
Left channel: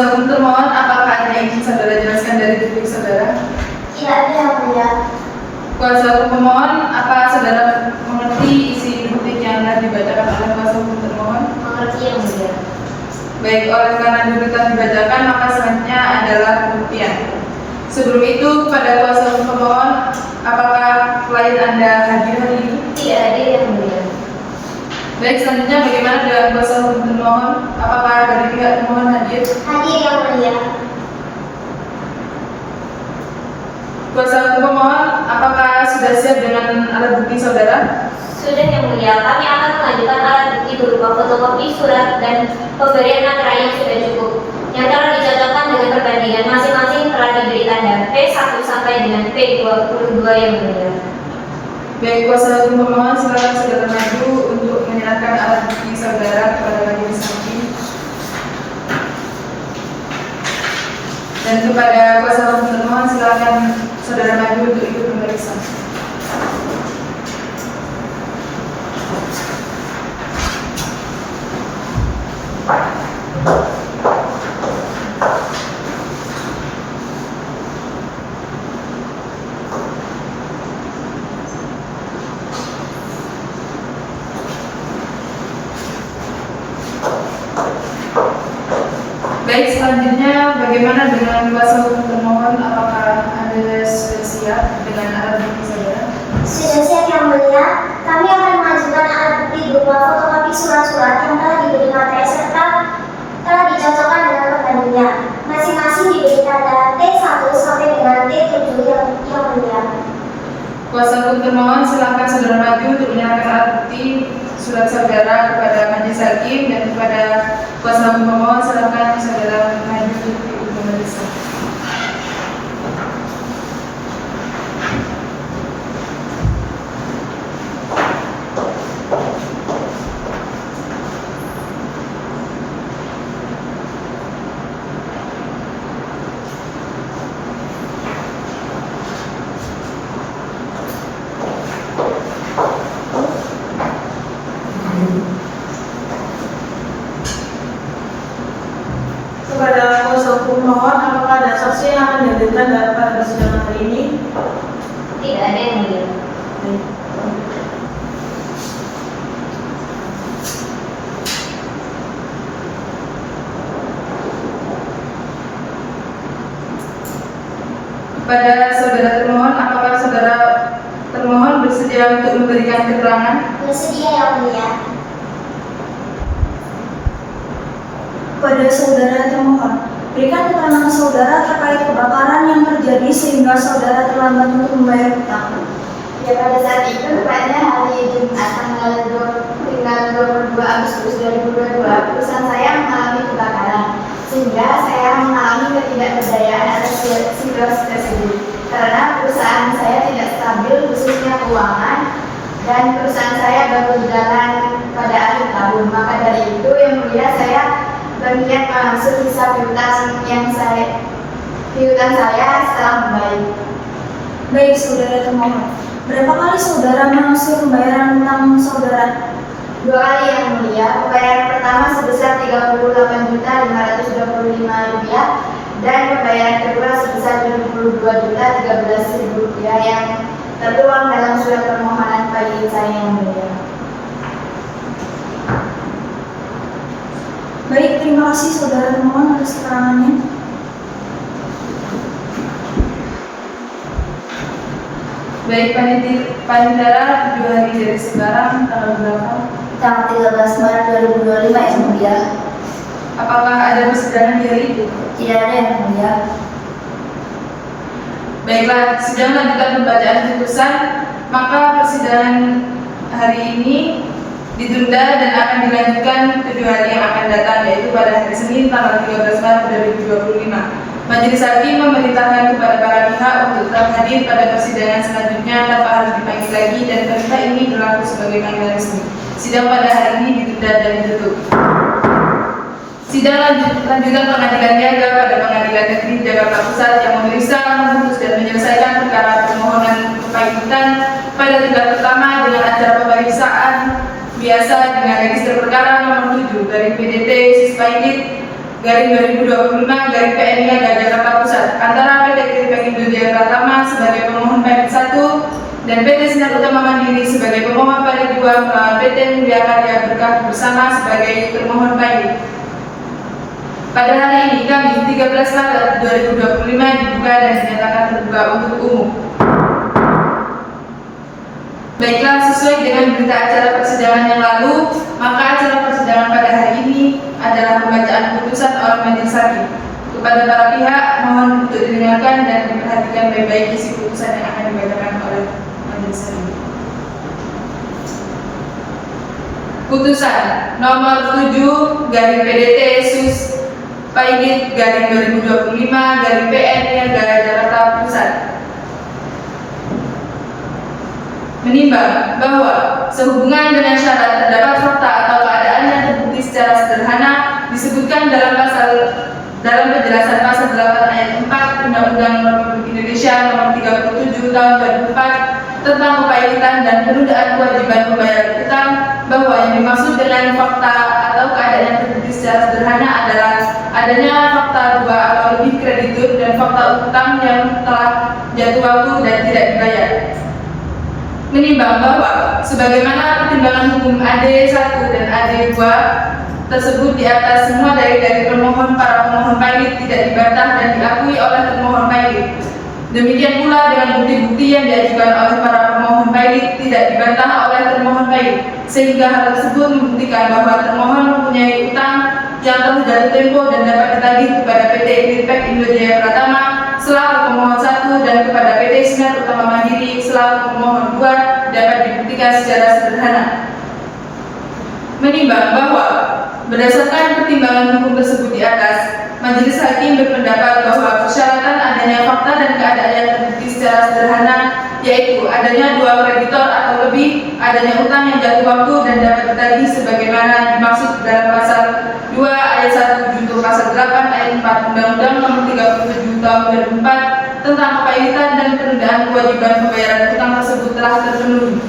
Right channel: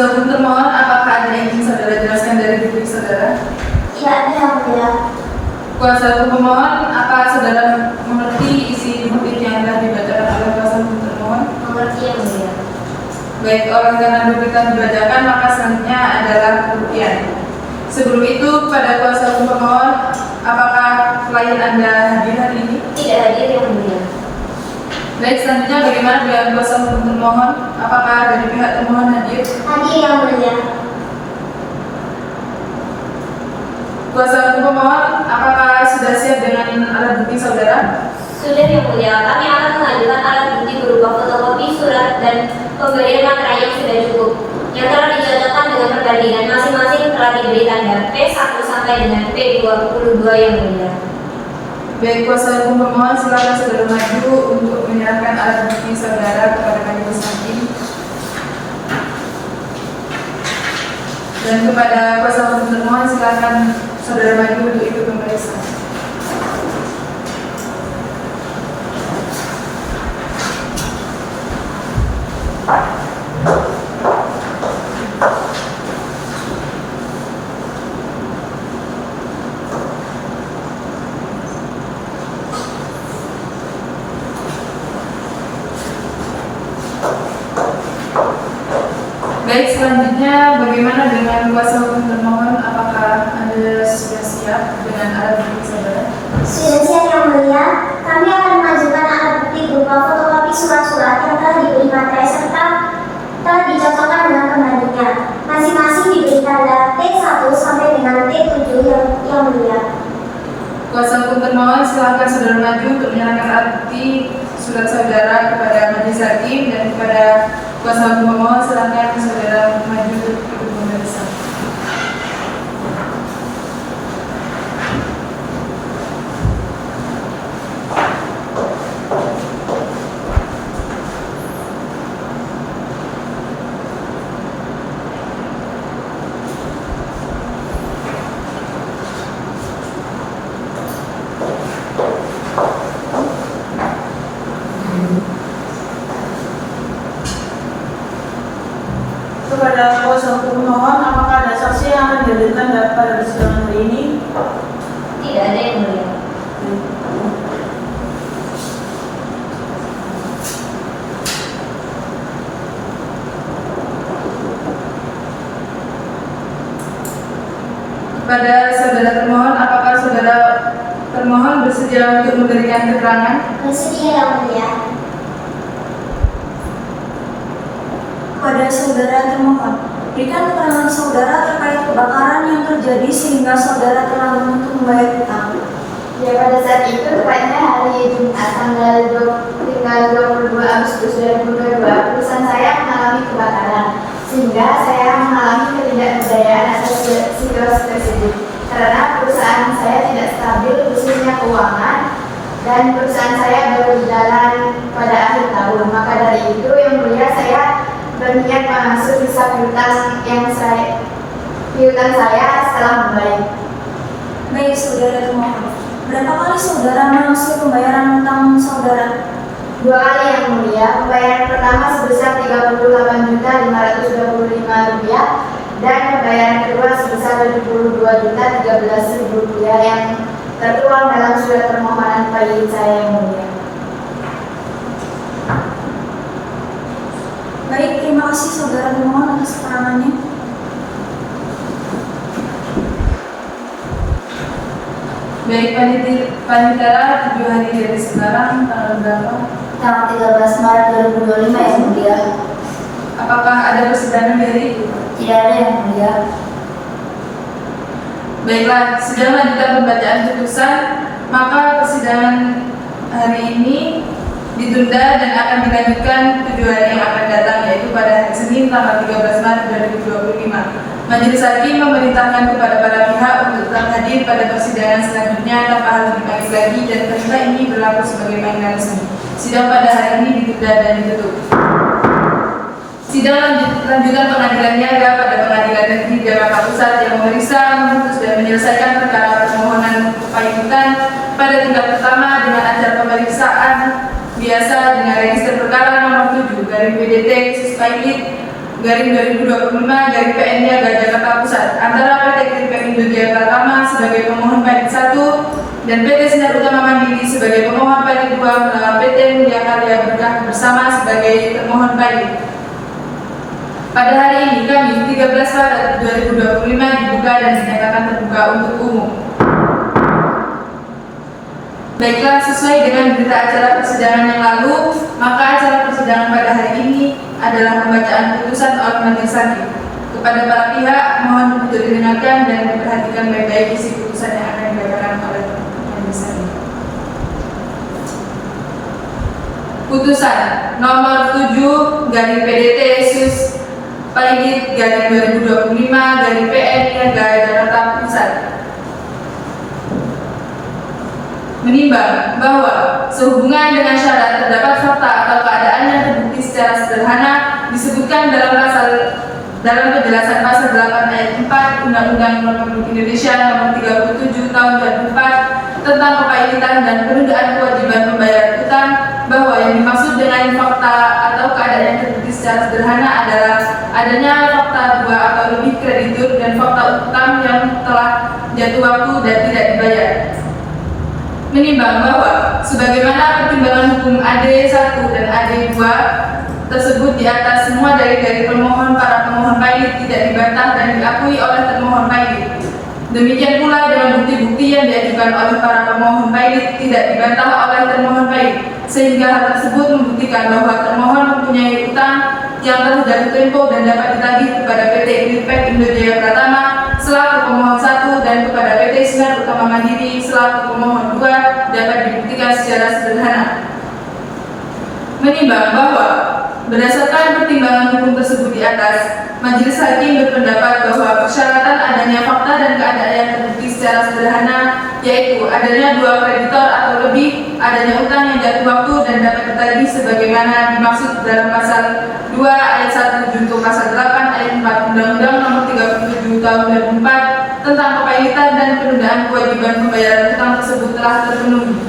Kuasa hukum termohon, apakah ada yang ingin saudara jelaskan dari diri saudara? Tidak ada yang mulia. Kuasa hukum pemohon, apa saudara mengerti isi butir yang telah dibacakan oleh kuasa hukum termohon? Mengerti yang mulia. Baik, oleh karena dulu telah dibacakan, maka selanjutnya adalah pembuktian. Sebelum itu, kepada kuasa hukum pemohon, apakah klien Anda hadir hari ini? Tidak hadir yang mulia. Baik, selanjutnya bagaimana dengan kuasa hukum termohon? Apakah dari pihak termohon hadir? Hadir yang mulia. Kuasa hukum pemohon, apakah sudah siap dengan alat bukti saudara? Sudah yang mulia, kami akan mengajukan alat bukti berupa fotokopi surat dan pemberian materai yang sudah cukup, yang telah dicocokkan dengan perbandingan masing-masing telah diberi tanda P1 sampai dengan P22 yang mulia. Baik, kuasa hukum pemohon, silakan saudara maju untuk menyerahkan alat bukti saudara kepada majelis hakim. Dan kepada kuasa hukum termohon, silakan saudara maju untuk ikut memeriksa. Baik, selanjutnya bagaimana dengan kuasa hukum termohon? Apakah Anda sudah siap dengan alat bukti saudara? Sudah siap yang mulia. Kami akan mengajukan alat bukti berupa fotokopi surat-surat yang telah diberi materai serta telah dicocokkan dengan pembandingnya. Masing-masing diberi tanda T1 sampai dengan T7 yang mulia. Kuasa hukum termohon, silakan saudara maju untuk menyerahkan alat bukti surat saudara kepada majelis hakim, dan kepada kuasa hukum pemohon silakan saudara maju untuk ikut memeriksa. Kepada kuasa hukum mohon, apakah ada saksi yang akan dihadirkan pada sidang hari ini? Tidak ada yang mulia. Kepada saudara termohon, apakah saudara termohon bersedia untuk memberikan keterangan? Bersedia yang mulia. Kepada saudara termohon, berikan keterangan saudara terkait kebakaran yang terjadi sehingga saudara terlambat untuk membayar hutang. Ya, pada saat itu tepatnya hari Jumat tanggal 22 Agustus 2022 perusahaan saya mengalami kebakaran, sehingga saya mengalami ketidakberdayaan atas situasi tersebut karena perusahaan saya tidak stabil khususnya keuangan, dan perusahaan saya baru jalan pada akhir tahun. Maka dari itu yang mulia, saya berniat masuk hisab piutang saya setelah membaik. Baik saudara termohon, berapa kali saudara mengusir pembayaran hutang saudara? 2 kali yang mulia. Pembayaran pertama sebesar Rp38.525 dan pembayaran kedua sebesar Rp22.013.000 yang tertuang dalam surat permohonan pagi saya yang mulia. Baik, terima kasih saudara termohon atas keterangannya. Baik, panitera 7 hari dari sekarang, tanggal berapa? Tanggal 13 Maret 2025 yang mulia. Apakah ada persidangan di hari itu? Tidak ada yang mulia. Baiklah, sidang lanjutan pembacaan putusan, maka persidangan hari ini ditunda dan akan dilanjutkan 7 hari yang akan datang, yaitu pada hari Senin tanggal 13 Maret 2025. Majelis Hakim memerintahkan kepada para pihak untuk tetap hadir pada persidangan selanjutnya tanpa harus dipanggil lagi, dan perintah ini berlaku sebagai panggilan resmi. Sidang pada hari ini ditunda dan ditutup. Sidang lanjutan pengadilan niaga pada Pengadilan Negeri Jakarta Pusat yang memeriksa, memutus dan menyelesaikan perkara permohonan kepaitan pada tingkat pertama dengan acara pemeriksaan biasa dengan register perkara nomor 7 dari PDT Suspailit PN Niaga Jakarta Pusat antara PT Greenpack Indonesia Pratama sebagai pemohon pailit 1 dan PT Sinar Utama Mandiri sebagai pemohon pailit 2 melawan PT Mulia Karya Berkah bersama sebagai termohon pailit. Pada hari ini Kamis 13 Maret 2025 dibuka dan dinyatakan terbuka untuk umum. Baiklah, sesuai dengan berita acara persidangan yang lalu, maka acara persidangan pada hari ini adalah pembacaan putusan oleh majelis hakim. Kepada para pihak, mohon untuk didengarkan dan diperhatikan baik-baik isi putusan yang akan dibacakan oleh majelis hakim. Putusan nomor 7 garing PDT sus Pailit garing 2025 garing PN Niaga Jakarta Pusat menimbang bahwa sehubungan dengan syarat terdapat fakta atau keadaan yang terbukti secara sederhana disebutkan dalam penjelasan pasal 8 ayat 4 Undang-Undang Republik Indonesia Nomor 37 Tahun 2004 tentang kepailitan dan penundaan kewajiban pembayaran utang, bahwa yang dimaksud dengan fakta atau keadaan yang terbukti secara sederhana adalah adanya fakta 2 atau lebih kreditur dan fakta utang yang telah jatuh waktu dan tidak dibayar. Menimbang bahwa sebagaimana pertimbangan hukum AD 1 dan AD 2 tersebut di atas, semua dari para pemohon pailit tidak dibantah dan diakui oleh termohon pailit. Demikian pula dengan bukti-bukti yang diajukan oleh para pemohon pailit tidak dibantah oleh termohon pailit, sehingga hal tersebut membuktikan bahwa termohon mempunyai utang yang telah jatuh tempo dan dapat ditagih kepada PT Greenpack Indonesia Pratama selaku pemohon 1 dan kepada PT Sinar Utama Mandiri selaku pemohon 2 dapat dibuktikan secara sederhana. Menimbang bahwa berdasarkan pertimbangan hukum tersebut di atas, majelis hakim berpendapat bahwa persyaratan adanya fakta dan keadaan yang terbukti secara sederhana, yaitu adanya 2 kreditor atau lebih, adanya utang yang jatuh waktu dan dapat ditagih sebagaimana dimaksud dalam pasal 2 ayat 1 junto pasal 8 ayat 4 Undang-Undang Nomor 37 Tahun 2004 tentang kepailitan dan penundaan kewajiban pembayaran utang tersebut telah terpenuhi.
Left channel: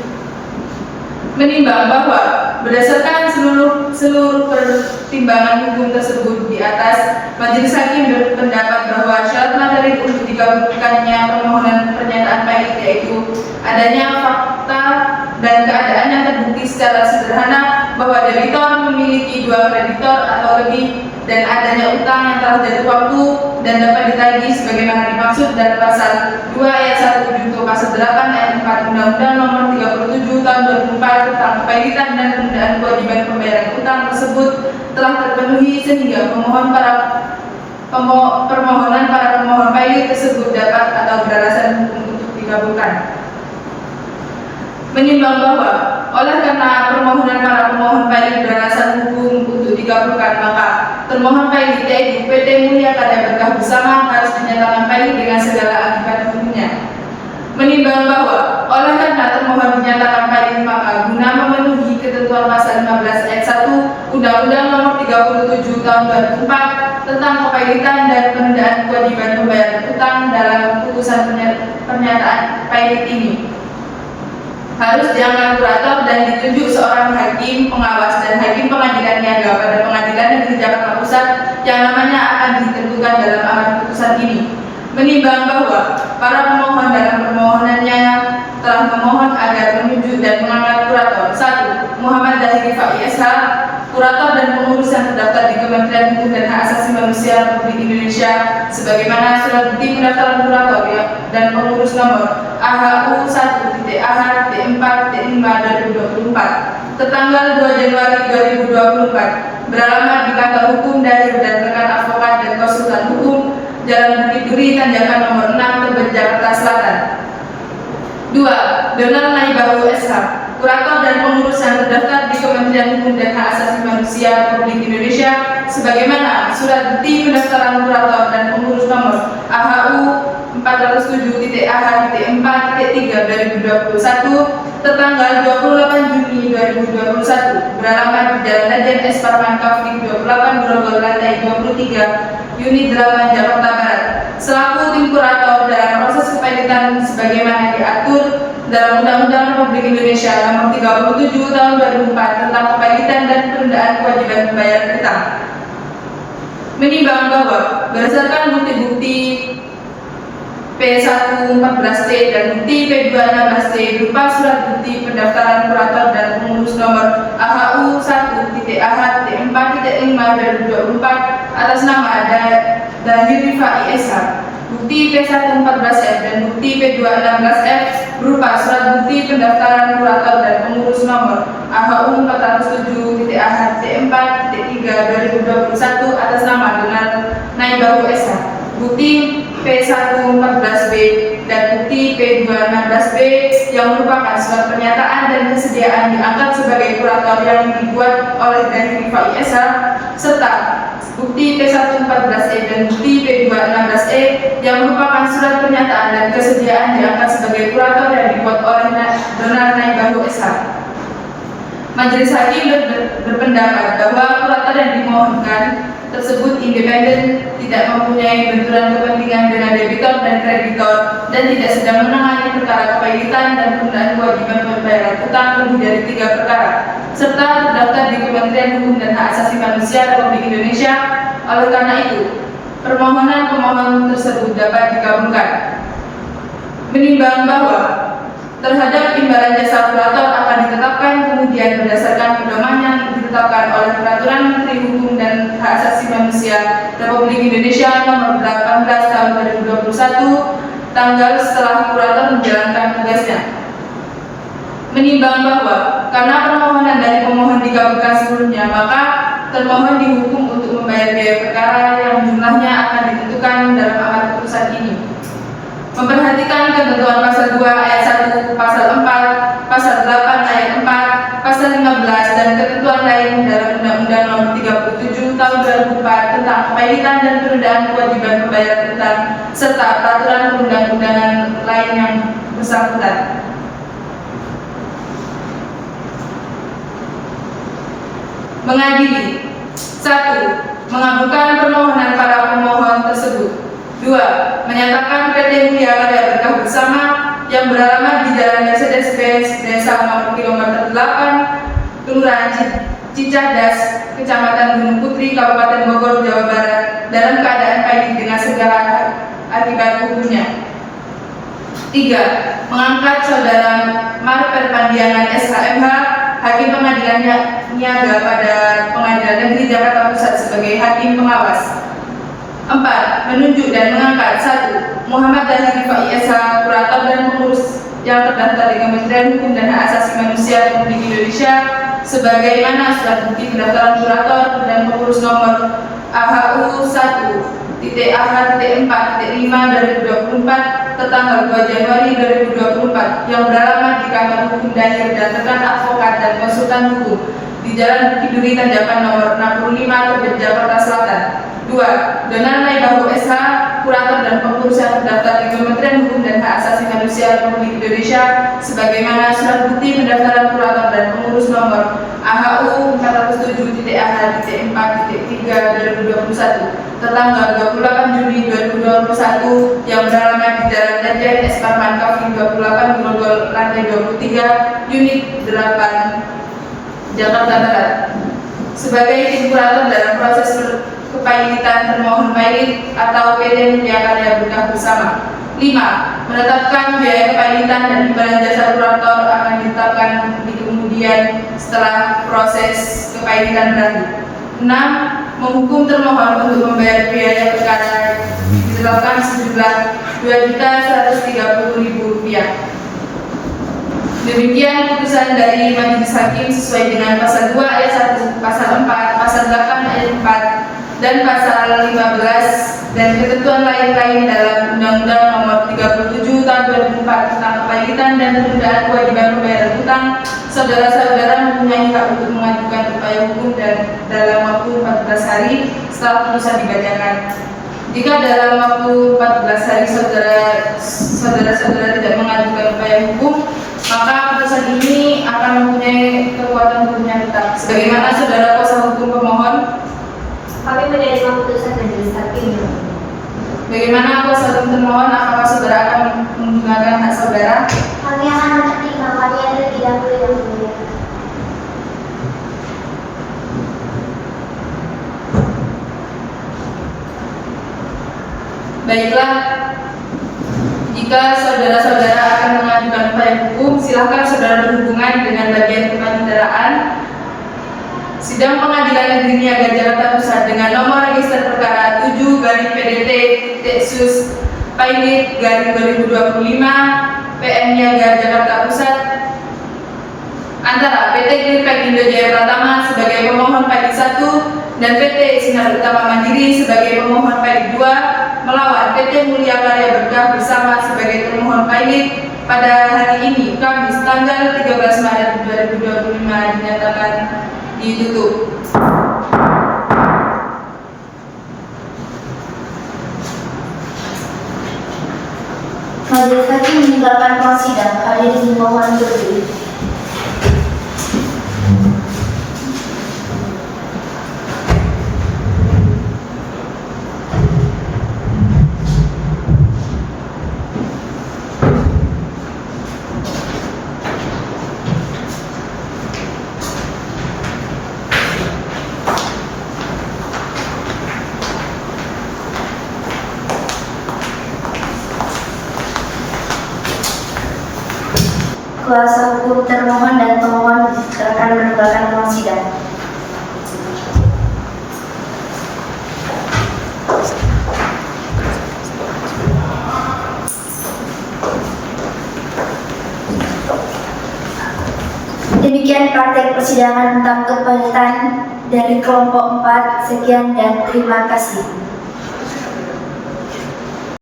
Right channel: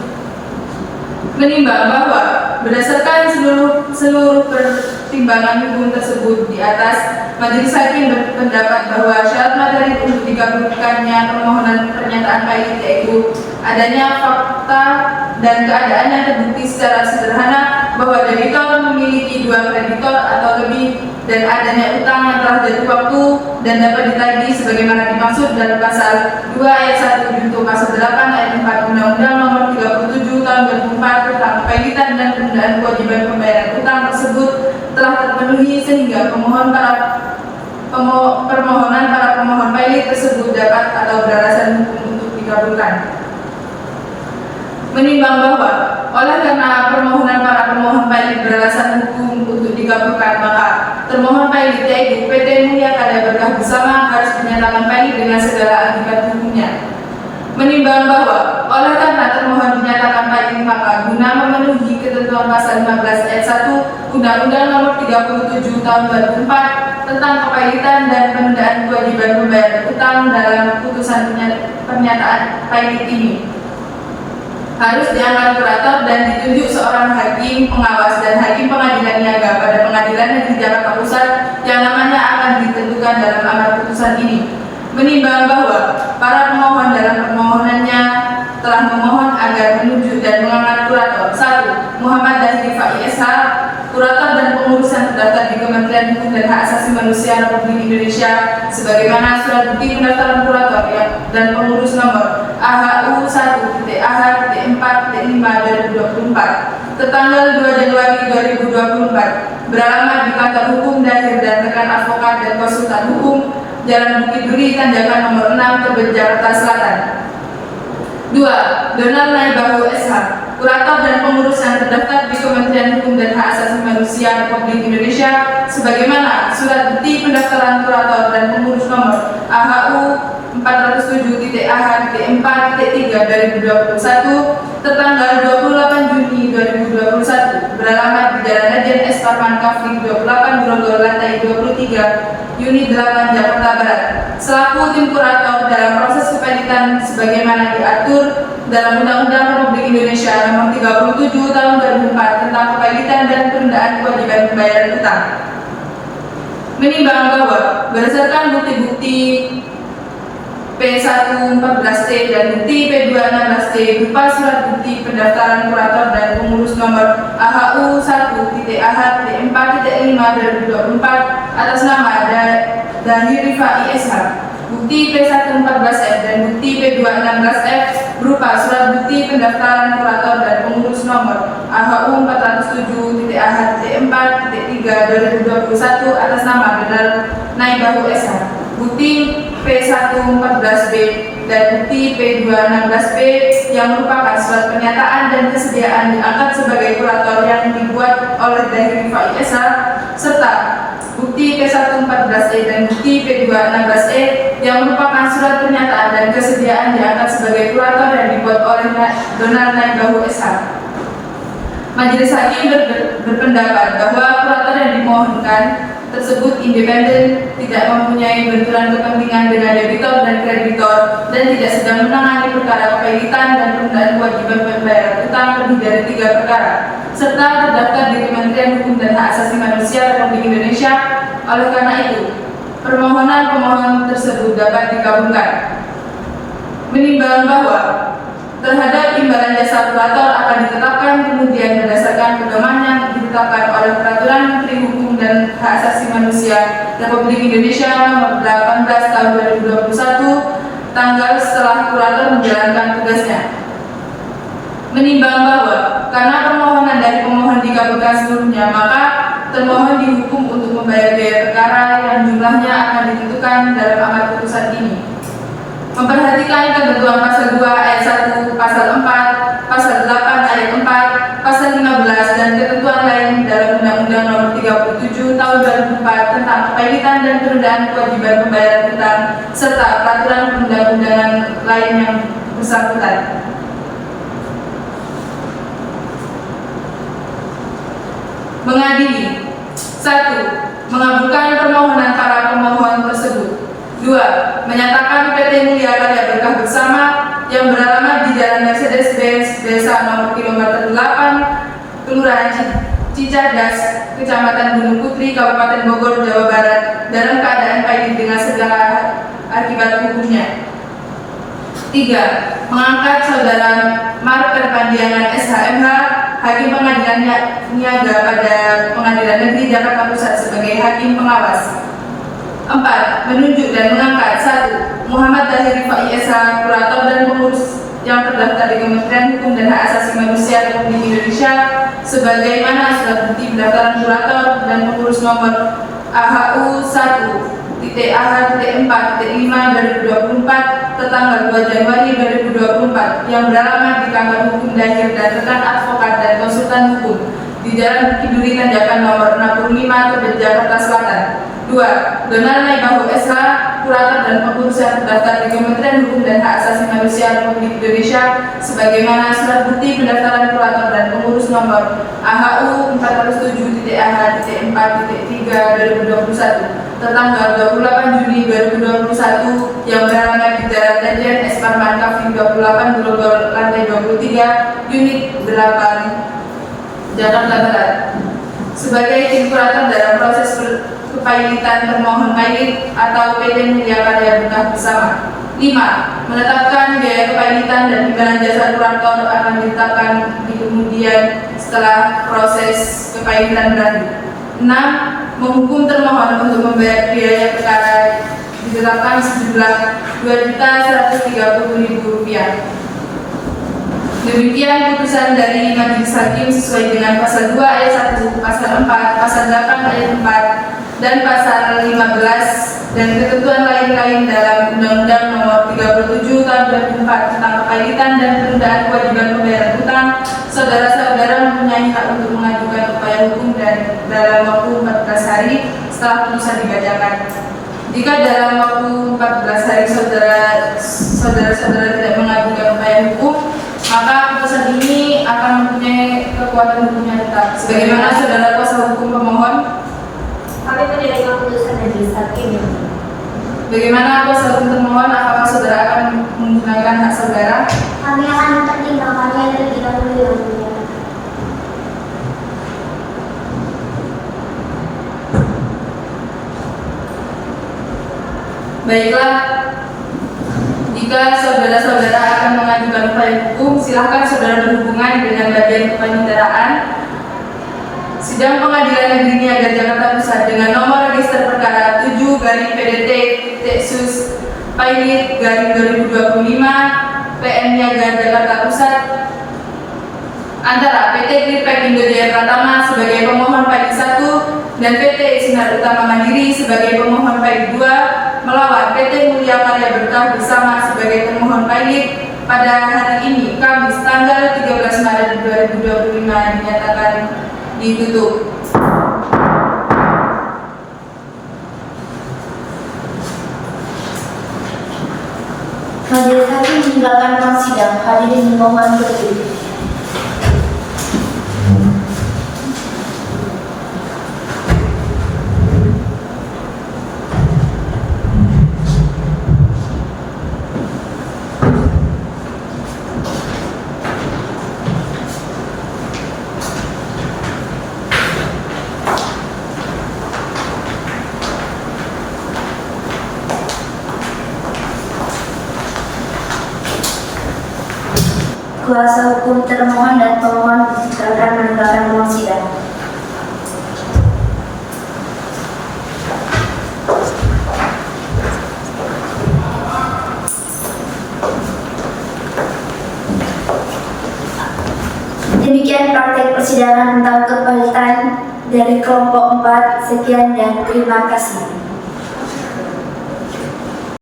Menimbang bahwa berdasarkan seluruh pertimbangan hukum tersebut di atas, majelis hakim berpendapat bahwa syarat materi untuk dikabulkannya permohonan pernyataan pailit yaitu adanya fakta dan keadaan yang terbukti secara sederhana bahwa debitor memiliki 2 kreditor atau lebih dan adanya utang yang telah jatuh waktu dan dapat ditagih sebagaimana dimaksud dalam pasal 2 ayat 1 junto pasal 8 ayat 4 Undang-Undang Nomor 37 Tahun 2004 tentang kepailitan dan penundaan kewajiban pembayaran utang tersebut telah terpenuhi, sehingga permohonan para pemohon pailit tersebut dapat atau beralasan hukum untuk dikabulkan. Menimbang bahwa oleh karena permohonan para pemohon pailit beralasan hukum untuk dikabulkan, maka termohon pailit yaitu PT Mulia Karya Berkah bersama harus dinyatakan pailit dengan segala akibat hukumnya. Menimbang bahwa oleh karena termohon dinyatakan pailit, maka guna memenuhi ketentuan pasal 15 ayat 1 Undang-Undang Nomor 37 Tahun 2004 tentang kepailitan dan penundaan kewajiban pembayaran utang dalam putusan pernyataan pailit ini, harus diangkat kurator dan ditunjuk seorang hakim pengawas dan hakim pengadilan niaga pada Pengadilan Negeri Jakarta Pusat yang namanya akan ditentukan dalam amar putusan ini. Menimbang bahwa para pemohon dalam permohonannya telah memohon agar menunjuk dan mengangkat kurator 1. Muhammad Dahiri Fai SH, kurator dan pengurus yang terdaftar di Kementerian Hukum dan Hak Asasi Manusia Republik Indonesia sebagaimana surat bukti pendaftaran kurator dan pengurus nomor AHU 1.AH.4.5/2024 tertanggal 2 Januari 2024 beralamat di kantor hukum Dahir dan rekan advokat dan konsultan hukum Jalan Bukit Duri, Tanjakan nomor 6, Tebet, Jakarta Selatan. 2. Donald Naibahu SH, kurator dan pengurus yang terdaftar di Kementerian Hukum dan Hak Asasi Manusia Republik Indonesia sebagaimana surat bukti pendaftaran kurator dan pengurus nomor AHU 407.AH.4.3/2021 tertanggal 28 Juni 2021 beralamat di Jalan Raden S. Parman Kafling 28 Grogol lantai 23 Unit 8 Jakarta Barat selaku tim kurator dalam proses kepailitan sebagaimana diatur dalam Undang-Undang Republik Indonesia Nomor 37 Tahun 2004 tentang kepailitan dan penundaan kewajiban pembayaran utang. Menimbang bahwa berdasarkan bukti-bukti P114T dan bukti P216T berupa surat bukti pendaftaran kurator dan pengurus nomor AHU 1.A.4.5/2024 atas nama Dahir Rifai SH, bukti P114F dan bukti P216F berupa surat bukti pendaftaran kurator dan pengurus nomor AHU 407.A.4.3/2021 atas nama Benar Naibahu SH, bukti P114B dan bukti P216B yang merupakan surat pernyataan dan kesediaan diangkat sebagai kurator yang dibuat oleh Dahir Rifai SH, serta bukti P114E dan bukti P216E yang merupakan surat pernyataan dan kesediaan diangkat sebagai kurator yang dibuat oleh Benar Naibahu SH. Majelis Hakim berpendapat bahwa kurator yang dimohonkan tersebut independen, tidak mempunyai benturan kepentingan dengan debitor dan kreditor, dan tidak sedang menangani perkara kepailitan dan penundaan kewajiban pembayaran utang lebih dari 3 perkara, serta terdaftar di Kementerian Hukum dan Hak Asasi Manusia Republik Indonesia. Oleh karena itu, permohonan pemohon tersebut dapat dikabulkan. Menimbang bahwa terhadap imbalan jasa kurator akan ditetapkan kemudian berdasarkan pedoman yang ditetapkan oleh Peraturan Menteri Hukum dan Hak Asasi Manusia Republik Indonesia Nomor 18 Tahun 2021 tanggal setelah kurator menjalankan tugasnya. Menimbang bahwa karena permohonan dari pemohon dikabulkan seluruhnya, maka termohon dihukum untuk membayar biaya perkara yang jumlahnya akan ditentukan dalam amar putusan ini. Memperhatikan ketentuan pasal 2 ayat 1, pasal 4, pasal 8 ayat 4, pasal 15 dan ketentuan lain dalam Undang-Undang Nomor 37 Tahun 2004 tentang kepailitan dan penundaan kewajiban pembayaran utang serta peraturan perundang-undangan lain yang bersangkutan. Mengadili: 1. Mengabulkan permohonan para pemohon tersebut. 2. Menyatakan PT Mulia Karya Berkah Bersama yang beralamat di Jalan Mercedes-Benz, Desa nomor kilometer 8, Kelurahan Cicadas, Kecamatan Gunung Putri, Kabupaten Bogor, Jawa Barat, dalam keadaan pailit dengan segala akibat hukumnya. 3. Mengangkat Saudara Mar Perpandiangan SHMH, Hakim Pengadilan Niaga pada Pengadilan Negeri Jakarta Pusat sebagai Hakim Pengawas. 4. Menunjuk dan mengangkat 1. Muhammad Dahir Rifai SH, kurator dan pengurus yang terdaftar di Kementerian Hukum dan Hak Asasi Manusia Republik Indonesia sebagaimana surat bukti pendaftaran kurator dan pengurus nomor AHU 1.AH.4.5/2024 tertanggal 2 Januari 2024 yang beralamat di kantor hukum Dahir dan rekan advokat dan konsultan hukum di Jalan Bukit Duri Tanjakan nomor 65 Tebet, Jakarta Selatan. 2. Benar Naibahu SH, kurator dan pengurus yang terdaftar di Kementerian Hukum dan Hak Asasi Manusia Republik Indonesia sebagaimana surat bukti pendaftaran kurator dan pengurus nomor AHU 407.AH.4.3/2021 tertanggal 28 Juni 2021 yang beralamat di Jalan Tenjen S. Parman Kafin 28 Grogol lantai 23 unit 8 Jakarta Barat sebagai tim kurator dalam proses kepailitan termohon pailit atau PT Mulia Karya Berkah Bersama. 5. Menetapkan biaya kepailitan dan imbalan jasa kurator akan ditetapkan di kemudian setelah proses kepailitan berakhir. 6. Menghukum termohon untuk membayar biaya perkara ditetapkan sejumlah Rp2.130.000. Demikian putusan dari Majelis Hakim sesuai dengan pasal 2 ayat 1, pasal 4, pasal 8 ayat 4, dan pasal 15 dan ketentuan lain-lain dalam Undang-Undang Nomor 37 Tahun 2004 tentang kepailitan dan penundaan kewajiban pembayaran utang. Saudara-saudara mempunyai hak untuk mengajukan upaya hukum dan dalam waktu 14 hari setelah putusan dibacakan. Jika dalam waktu 14 hari saudara-saudara tidak mengajukan upaya hukum, maka putusan ini akan mempunyai kekuatan hukumnya tetap. Sebagaimana saudara kuasa hukum pemohon, Kami menerima putusan Majelis Hakim. bagaimana kuasa hukum termohon? Apakah saudara akan menggunakan hak saudara? Kami akan mempertimbangkannya lebih dahulu yang mulia. Baiklah, jika saudara-saudara akan mengajukan upaya hukum, silakan saudara berhubungan dengan bagian kepaniteraan Sidang Pengadilan Negeri Niaga Jakarta Pusat dengan nomor register perkara 7/PDT/Pailit/2025 PM Niaga Jakarta Pusat antara PT Clearpack Indo Jaya Pratama sebagai pemohon pailit 1 dan PT Sinar Utama Mandiri sebagai pemohon pailit 2 melawan PT Mulia Karya Berkah bersama sebagai termohon pailit pada hari ini Kamis tanggal 13 Maret 2025 dinyatakan ditutup. Majelis hakim meninggalkan ruang sidang. Hadirin dimohon berdiri. Kuasa hukum termohon dan pemohon silakan meninggalkan ruang sidang. Demikian praktek persidangan tentang kepalitan dari kelompok 4. Sekian dan terima kasih.